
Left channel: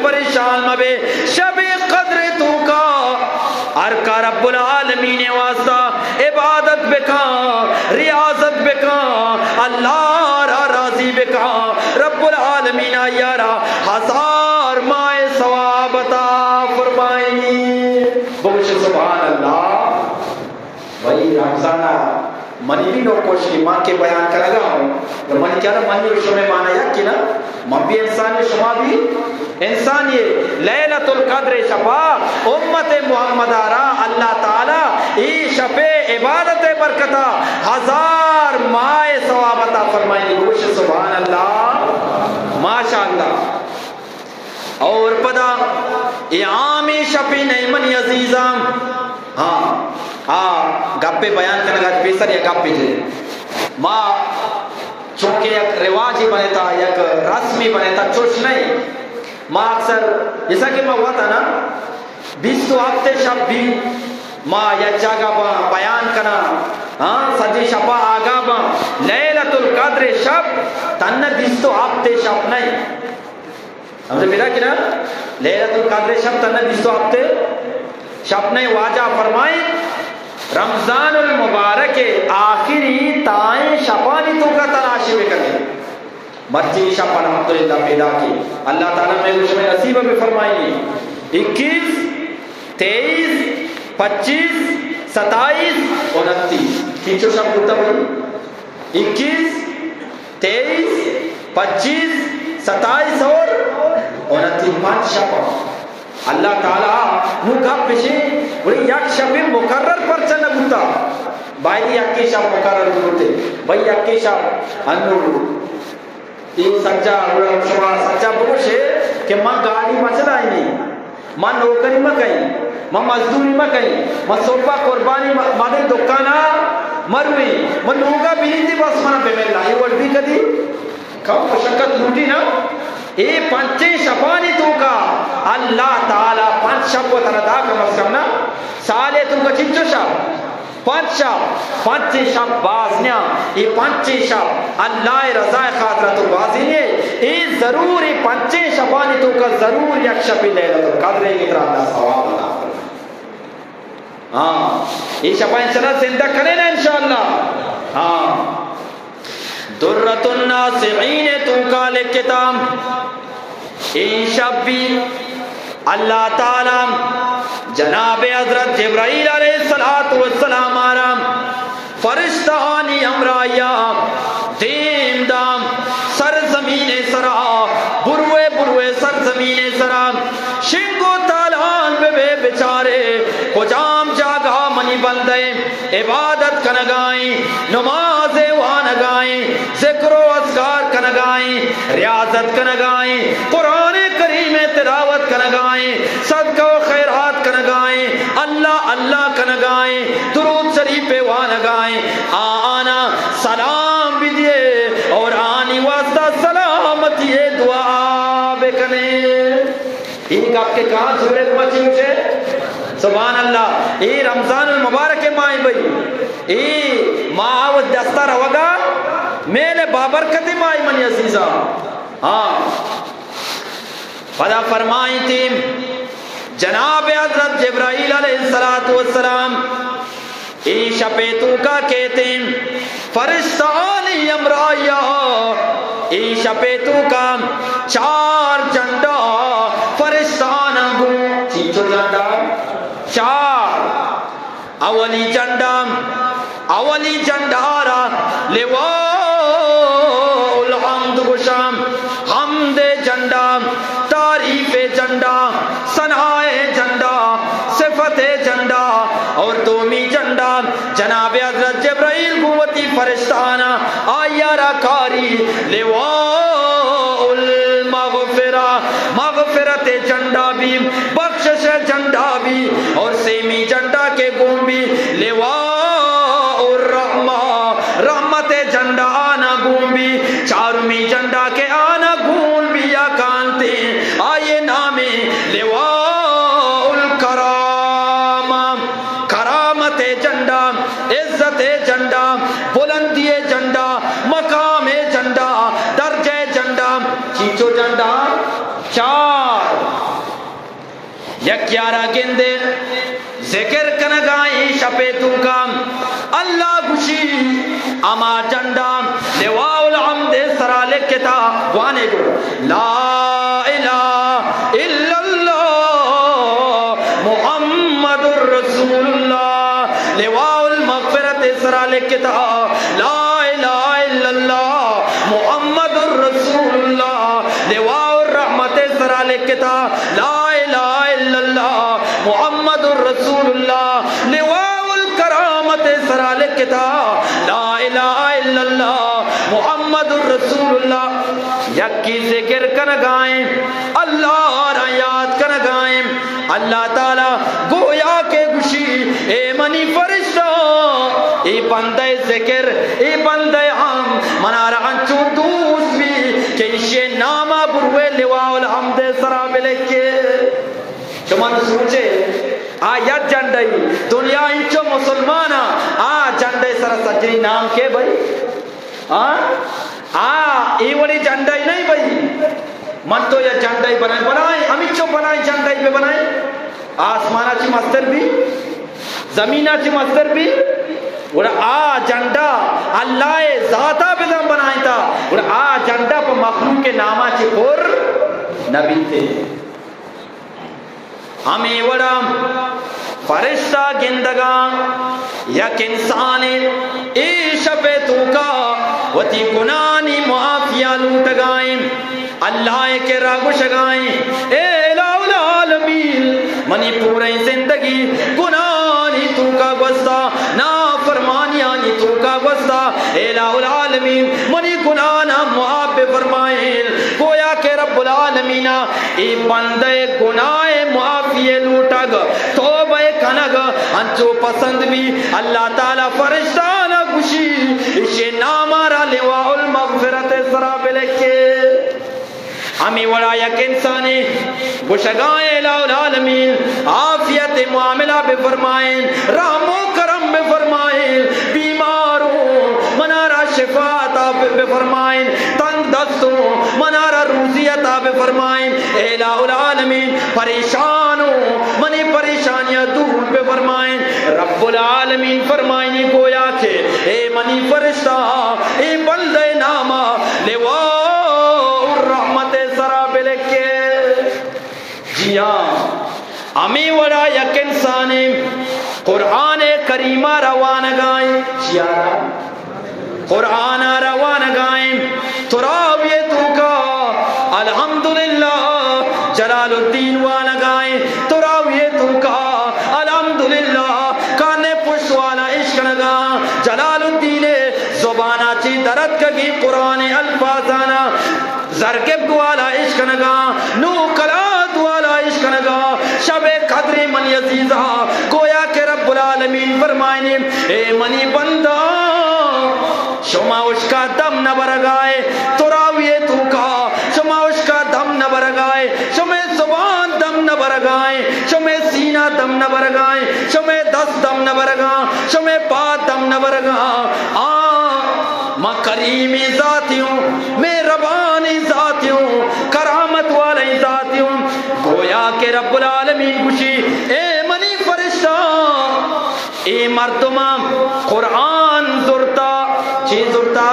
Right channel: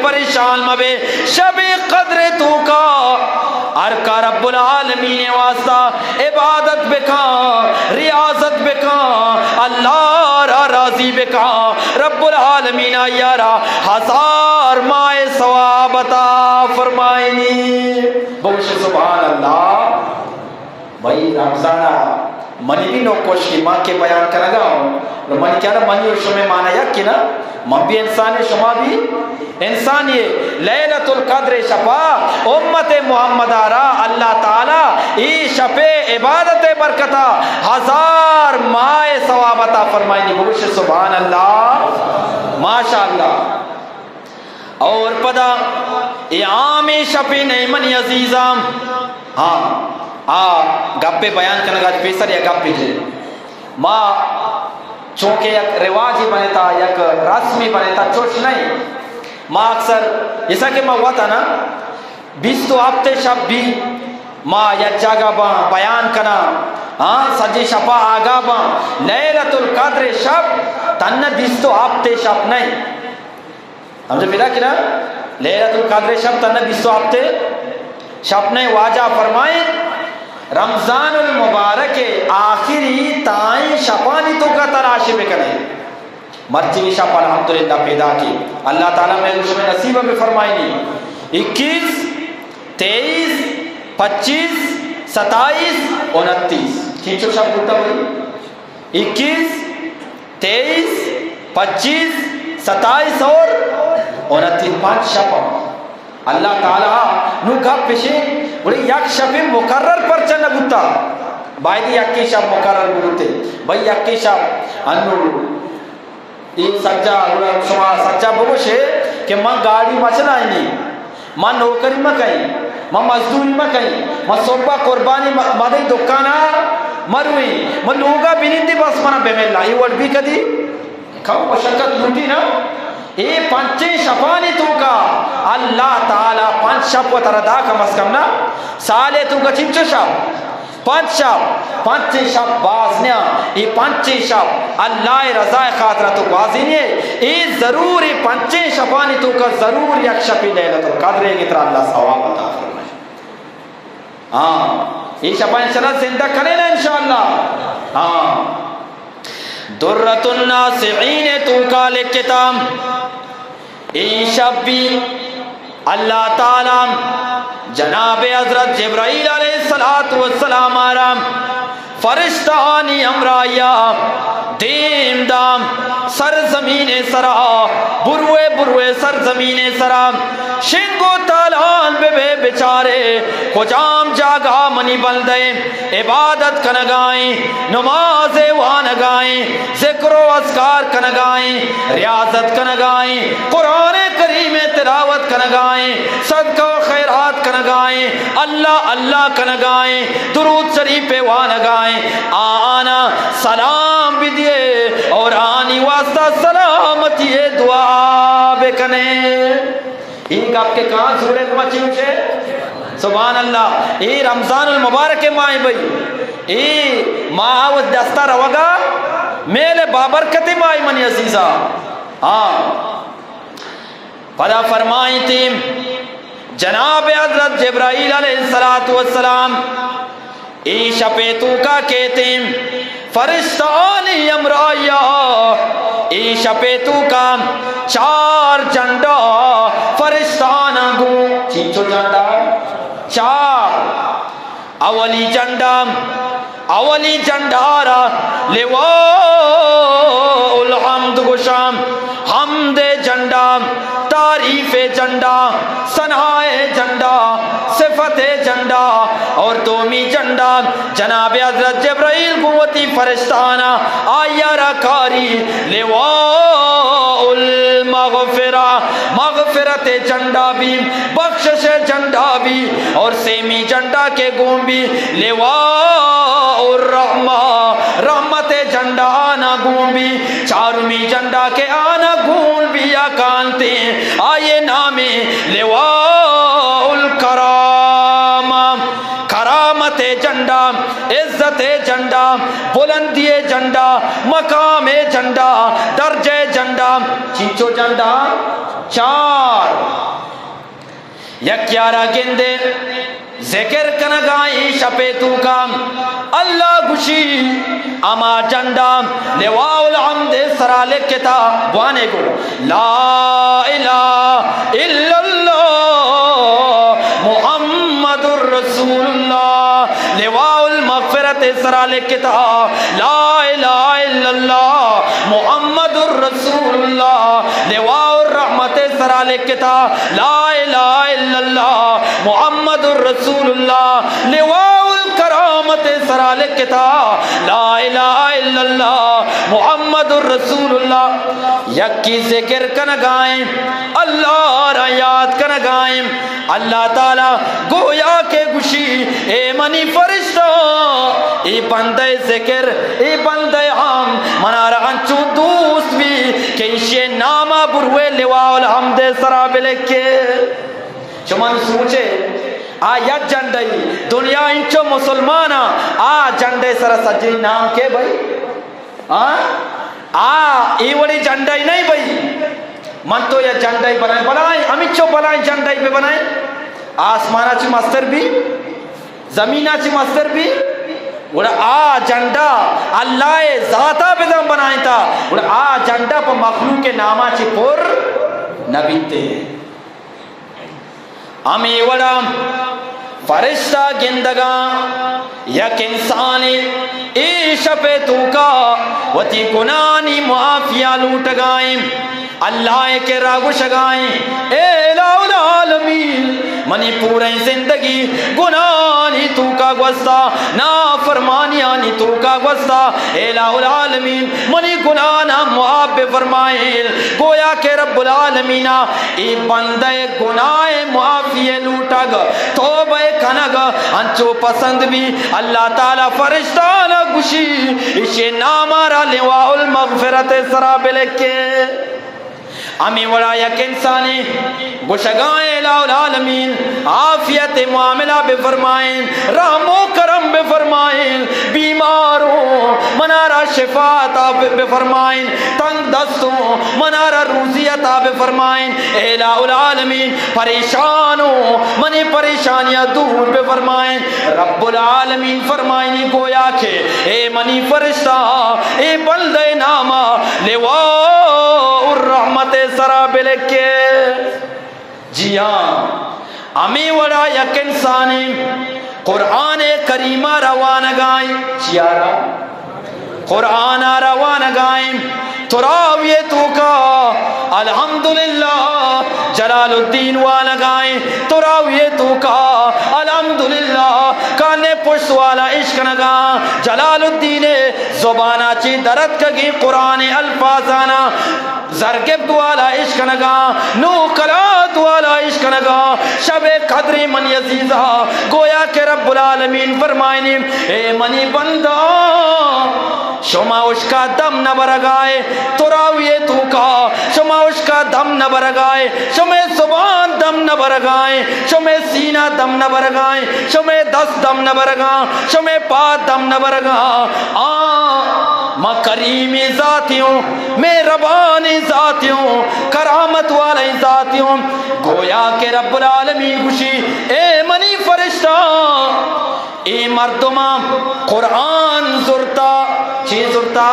شب قدر تو کا ارکا رب العالمین واسطہ عبادت بکا ریاضت بکا اللہ را راضی بکا رب العالمین یارا 1000 ماہ ثواب عطا فرمائیں بوش سبحان اللہ بھائی رمضانہ منی بھی نوک کوشی ماں کے بیان کرا گا منی کیا رہا منی اور شمع مانا یک کی نا ماں بھی انسان ہے شما بھی انسان یہ لیلۃ القدر شفا امت محمد آرہ اللہ تعالی ای شفے عبادت برکتا 1000 ماہ ثواب عطا فرمائیں گوش سبحان اللہ ماشاءاللہ اور پدا یہ عام شفی نے منی عزیزام ہاں گپے بیان کرنے گا پیسر یا گپے جے ماں چونکہ یک رواجی بنتا یک رسمی بنتا چوش نہیں ماں اکثر جیسا کہ ماں ہوا تھا نا 20 ہفتے شب بھی ماں یک جگہ با بیان کرنا سجی شپا آگا با لیلۃ القدر شب تن 20 ہفتے شب نہیں ہم جو ملا کیا لیلۃ القدر شب تن 20 ہفتے شب نہیں واجہ فرمائیں رمضان المبارک آخری تائیں شپانی تو کا تراشے بکنے مرچی شپ الحمدللہ پیدا کی اللہ تعالیٰ نے اس میں نصیب میں فرمائیں 21 23 25 27 29 کھینچو شب ہوتا بھائی 21 23 25 27 اور 29 5 شب اللہ تعالیٰ نو گپ پیشے بڑی یک شب مقرر پر چنہ گتا بھائی یکی شب مقرر گتے بھائی یکی شب انو یہ سچا سچا بولوشے کہ ماں گاڑی مسئلہ آئی نہیں ماں نوکری میں کہیں ماں مزدوری میں کہیں ماں صوبہ قربانی مدد دکانا مروی ماں لوگا بینندی بس منا بے ملا یہ وڈ بھی کدی کھاؤ مشکت لوٹی نا اے پانچے شپانی تو کا اللہ تعالیٰ پانچ شب کو تردہ کا مسکرنا سالے تو کا چنچو شب پانچ شب بازنیا یہ پانچ شب اللہ رضا خاطر تو بازینے یہ ضرور یہ پانچ شبانی تو کا ضرور یک شبی لے لے تو قدرے کی طرح اللہ ثواب عطا فرمائے ہاں یہ شبہ انشاءاللہ زندہ کریں انشاءاللہ ہاں درۃ الناصعین تو کا لکتام یہ شب بھی اللہ تعالیٰ جناب حضرت جبرائیل علیہ السلام آرام فرشتانی امرائیہ دیم دام سرزمین سرا بروے سرزمین سرا شنگو تالان بے بچارے کجام جاگا منی بندے عبادت کنگائیں نماز وانگائیں ذکر و اذکار کنگائیں ریاضت کنگائیں قرآن کریم تلاوت کنگائیں صدقہ و خیرات کنگائیں اللہ اللہ کنگائیں درود شریف وانگائیں آنا سلام بھی دیے اور آنی واسطہ سلامتی دعا بکنے ان کا آپ کے کہاں سورت بچی ہوشے سبحان اللہ یہ رمضان المبارک ماہ بھئی یہ ماہ و دستہ روگا میلے بابرکت ماہ منی عزیزہ ہاں خدا فرمائی تھی جناب حضرت جبرائیل علیہ السلام ای شپیتو کا کہتے ہیں فرشتانی امرائیہ ای شپیتو کا 4 جنڈا فرشتان گو چیچو جنڈا 4 اولی جنڈارا لیوا الحمد گشام حمد جنڈا تعریف جنڈا ثنائے جنڈا صفت جنڈا اور تومی جنڈا جناب حضرت جبرائیل قوتی فرشتانا آیا رکاری لواء المغفرہ مغفرت جنڈا بھی بخشش جنڈا بھی اور سیمی جنڈا کے گون بھی لواء الرحمہ رحمت جنڈا آنا گون بھی چارمی جنڈا کے آنا گون بھی یا کانتے آئے نامے لواء الکرامہ کرامت جنڈا عزت جنڈا بلندی جنڈا مقام جنڈا درجہ جنڈا چیچو جنڈا 4 یک یارا گندے ذکر کنگائی شپیتو کا اللہ گشی اما جنڈا لواء الحمد سرالے کتاب وانے گو لا الہ الا اللہ محمد الرسول اللہ لواء المغفرت سرالے کتاب لا الہ الا اللہ محمد الرسول اللہ لواء الرحمت سرالے کتاب لا الہ الا اللہ محمد الرسول اللہ لواء الکرامت سرالے کتاب لا الہ الا اللہ محمد الرسول اللہ یکی ذکر کنگائیں اللہ را یاد کنگائیں اللہ تعالی گویا کے گوشی اے منی فرشتہ ای بندے ذکر ای بندے ہم منا رہن چو دوست بھی کہ اسے نامہ بروے لواء الحمد سراب لکھے چمان سوچے آیت جنڈائی دنیا انچو مسلمانا جنڈے سر سجی نام کے بھائی ایوڑی جنڈائی نہیں بھائی من تو یہ جنڈائی بنائیں ہم اچھو بنائیں جنڈائی پہ بنائیں آسمانہ چی مستر بھی زمینہ چی مصدر بھی اور آ جنڈا اللہ ذاتہ بدن بنائیں تا اور آ جنڈا پا مخلوق کے نامہ چی پر نبی تے ہمیں وڑا فرشتہ گندگا یک انسانی ایشا پہ توکا وتی گنانی معافیہ لوٹ گائیں اللہ کے راگو شگائیں اے الہ العالمین منی پورے زندگی گنانی توکا گوستا نافرمانیانی توکا گوستا اے الہ العالمین منی گنانا معاف فرمائیں گویا کہ رب العالمین ای بندے گناہ معافیہ لوٹا گا توبہ کنگا انچو پسند بھی اللہ تعالیٰ فرشتانا گوشی اسے نامارا لواء المغفرت سراب لکے ہمیں وڑا یک انسانی گوشگائیں الہ العالمین عافیت معاملہ بے فرمائیں رحم و کرم بے فرمائیں بیماروں منارا شفاعت بے فرمائیں تنگ دستوں منارا روزیت بے فرمائیں الہ العالمین پریشانوں منی پریشانیاں دور بے فرمائیں رب العالمین فرمائیں گویا کہ اے منی فرشتہ اے بندے نامہ لواء الرحمت سراب لکے جی ہاں ہمیں وڑا یک انسانی قرآن کریمہ روان گائیں چیارا قرآن روان گائیں تراویتوں کا الحمدللہ جلال الدین والا گائیں تراویتوں کا الحمدللہ کانے پشت والا عشق نگا جلال الدین زبانہ چی درد کگی قرآن الفاظانا زرگب والا عشق نگا نو قرات والا عشق نگا شب قدر من یزیزہ گویا کہ رب العالمین فرمائیں اے منی بندہ شما اس کا دم نہ برگائے تراویتوں کا شما اس کا دم نہ برگائے شما زبان دم نہ برگائے شما سینہ دم نہ برگائے شما دست دم نہ برگائے شما پات دم نہ برگائے ما کریمی ذاتیوں میں ربانی ذاتیوں کرامت والے ذاتیوں گویا کہ رب العالمین گوشی اے منی فرشتہ اے مردمان قرآن زرتا چی زرتا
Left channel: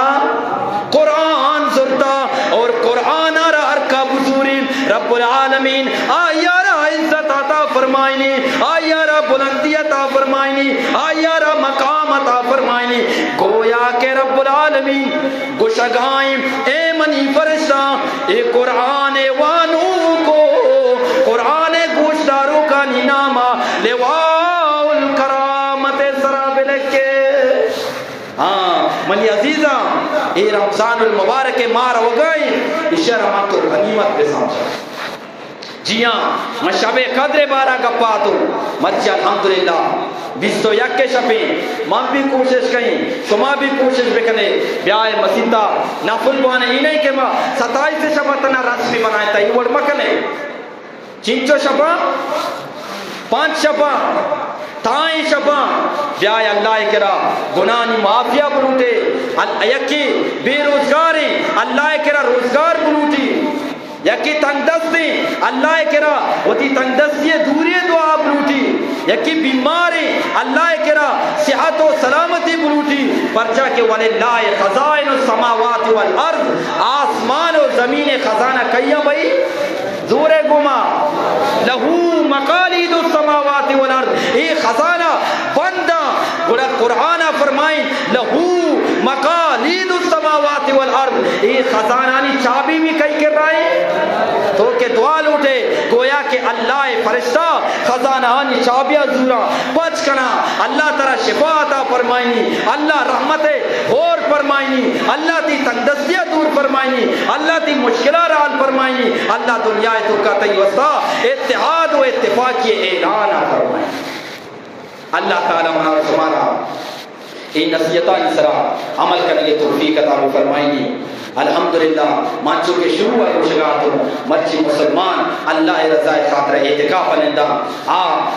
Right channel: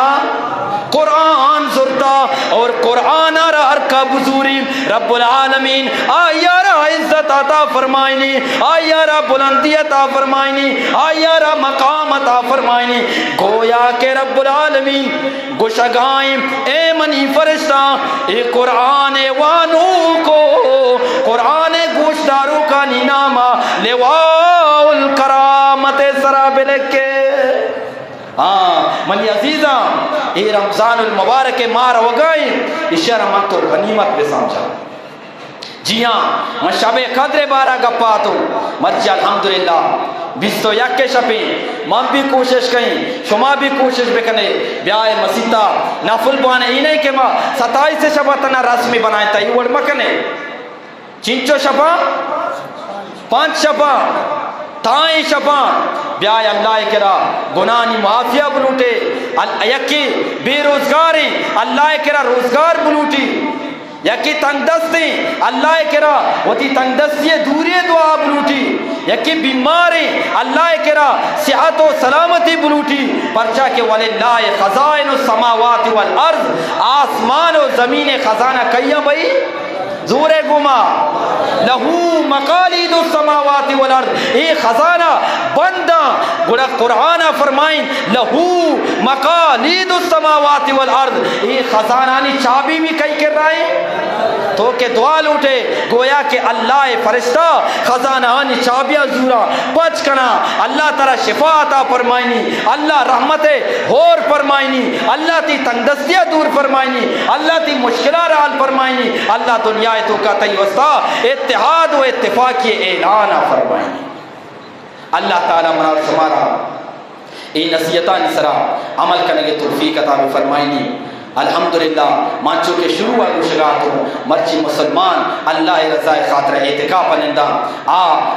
قرآن زرتا اور قرآن را ہر کا بزوری رب العالمین آیا را عزت عطا فرمائنی آیا را بلندی عطا فرمائنی آیا را مقام عطا فرمائنی گویا کہ رب العالمین گوشگائیں اے منی فرشتہ اے قرآن وانو کو قرآن گوشداروں کا نینامہ لواء الکرامت سراب لکے منی عزیزہ اے رمضان المبارک مار وگائیں اس رحمت اور غنیمت بے سمجھا جی ہاں میں شب قدر بارہ گپا تو مرچی الحمدللہ 21 کے شبی من بھی کوشش کہیں شما بھی کوشش بکنے بیائے مسیطہ نفل بانے ہی نہیں کہ ماں 27 شبہ تنا رسمی بنائیں تا یہ وڑ مکنے چینچو شبہ 5 شبہ تائیں شبہ بیائے اللہ کرا گناہی معافیہ بلوٹے یکی بے روزگاری اللہ کرا روزگار بلوٹی یکی تندستی اللہ کرا وہی تندستی دوری دعا بلوٹی یکی بیماری اللہ کرا صحت و سلامتی بلوٹی پرچا کہ وَلِلَّهِ خَزَائِنُ السَّمَاوَاتِ وَالْأَرْضِ آسمان و زمین خزانہ کئیہ بھئی زور گما لہو مقالید السماوات والارض یہ خزانہ بندہ گوڑا قرآن فرمائیں لہو مقالید السماوات والارض یہ خزانہ نی چابی بھی کئی کر رہا ہے تو کہ دعا لوٹے گویا کہ اللہ فرشتہ خزانہ نی چابیاں زورا بچ کنا اللہ ترہ شفا عطا فرمائنی اللہ رحمت غور فرمائنی اللہ تی تندستیہ دور فرمائنی اللہ تی مشکلہ رال فرمائنی اللہ دنیا تو کا تیوستا اتحاد و اتفاقی اعلان فرمائنی اللہ تعالیٰ ہمارا شمارا اے نصیحتہ نسرا عمل کرنے کے توفیق عطا فرمائنی الحمدللہ مانچو کے شروع ہے مشکلاتوں مرچی مسلمان اللہ رضای خاطر اعتقاف کنندہ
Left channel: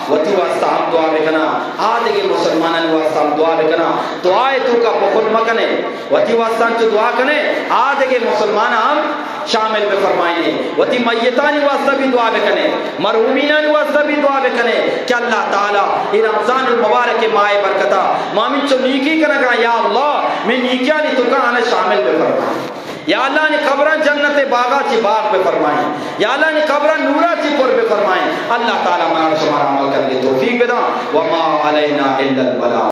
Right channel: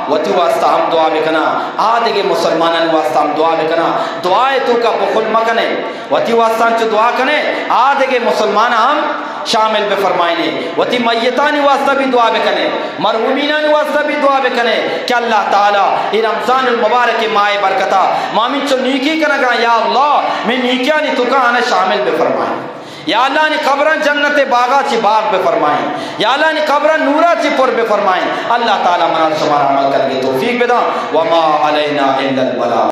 وطو واسطہ ہم دعا بکنا دیکھے مسلمانان واسطہ ہم دعا بکنا دعائے تو کا بخل مکنے وطو واسطہ ہم چو دعا کنے دیکھے مسلمان ہم شامل بفرمائیں وتی میتانی واسطہ بھی دعا بکنے مرحومینانی واسطہ بھی دعا بکنے کہ اللہ تعالی ان رمضان المبارک مائے برکتا مامن چو نیکی کرگا یا اللہ میں نیکیانی تو کہاں شامل بفرمائیں یا اللہ نے قبرن جنت باغا چی باغ بفرمائیں یا اللہ نے قبرن نورا چی پر بفرمائیں اللہ تعالی ہمارا شمار عمل کر کے توفیق بدا وما علینا الا البلاغ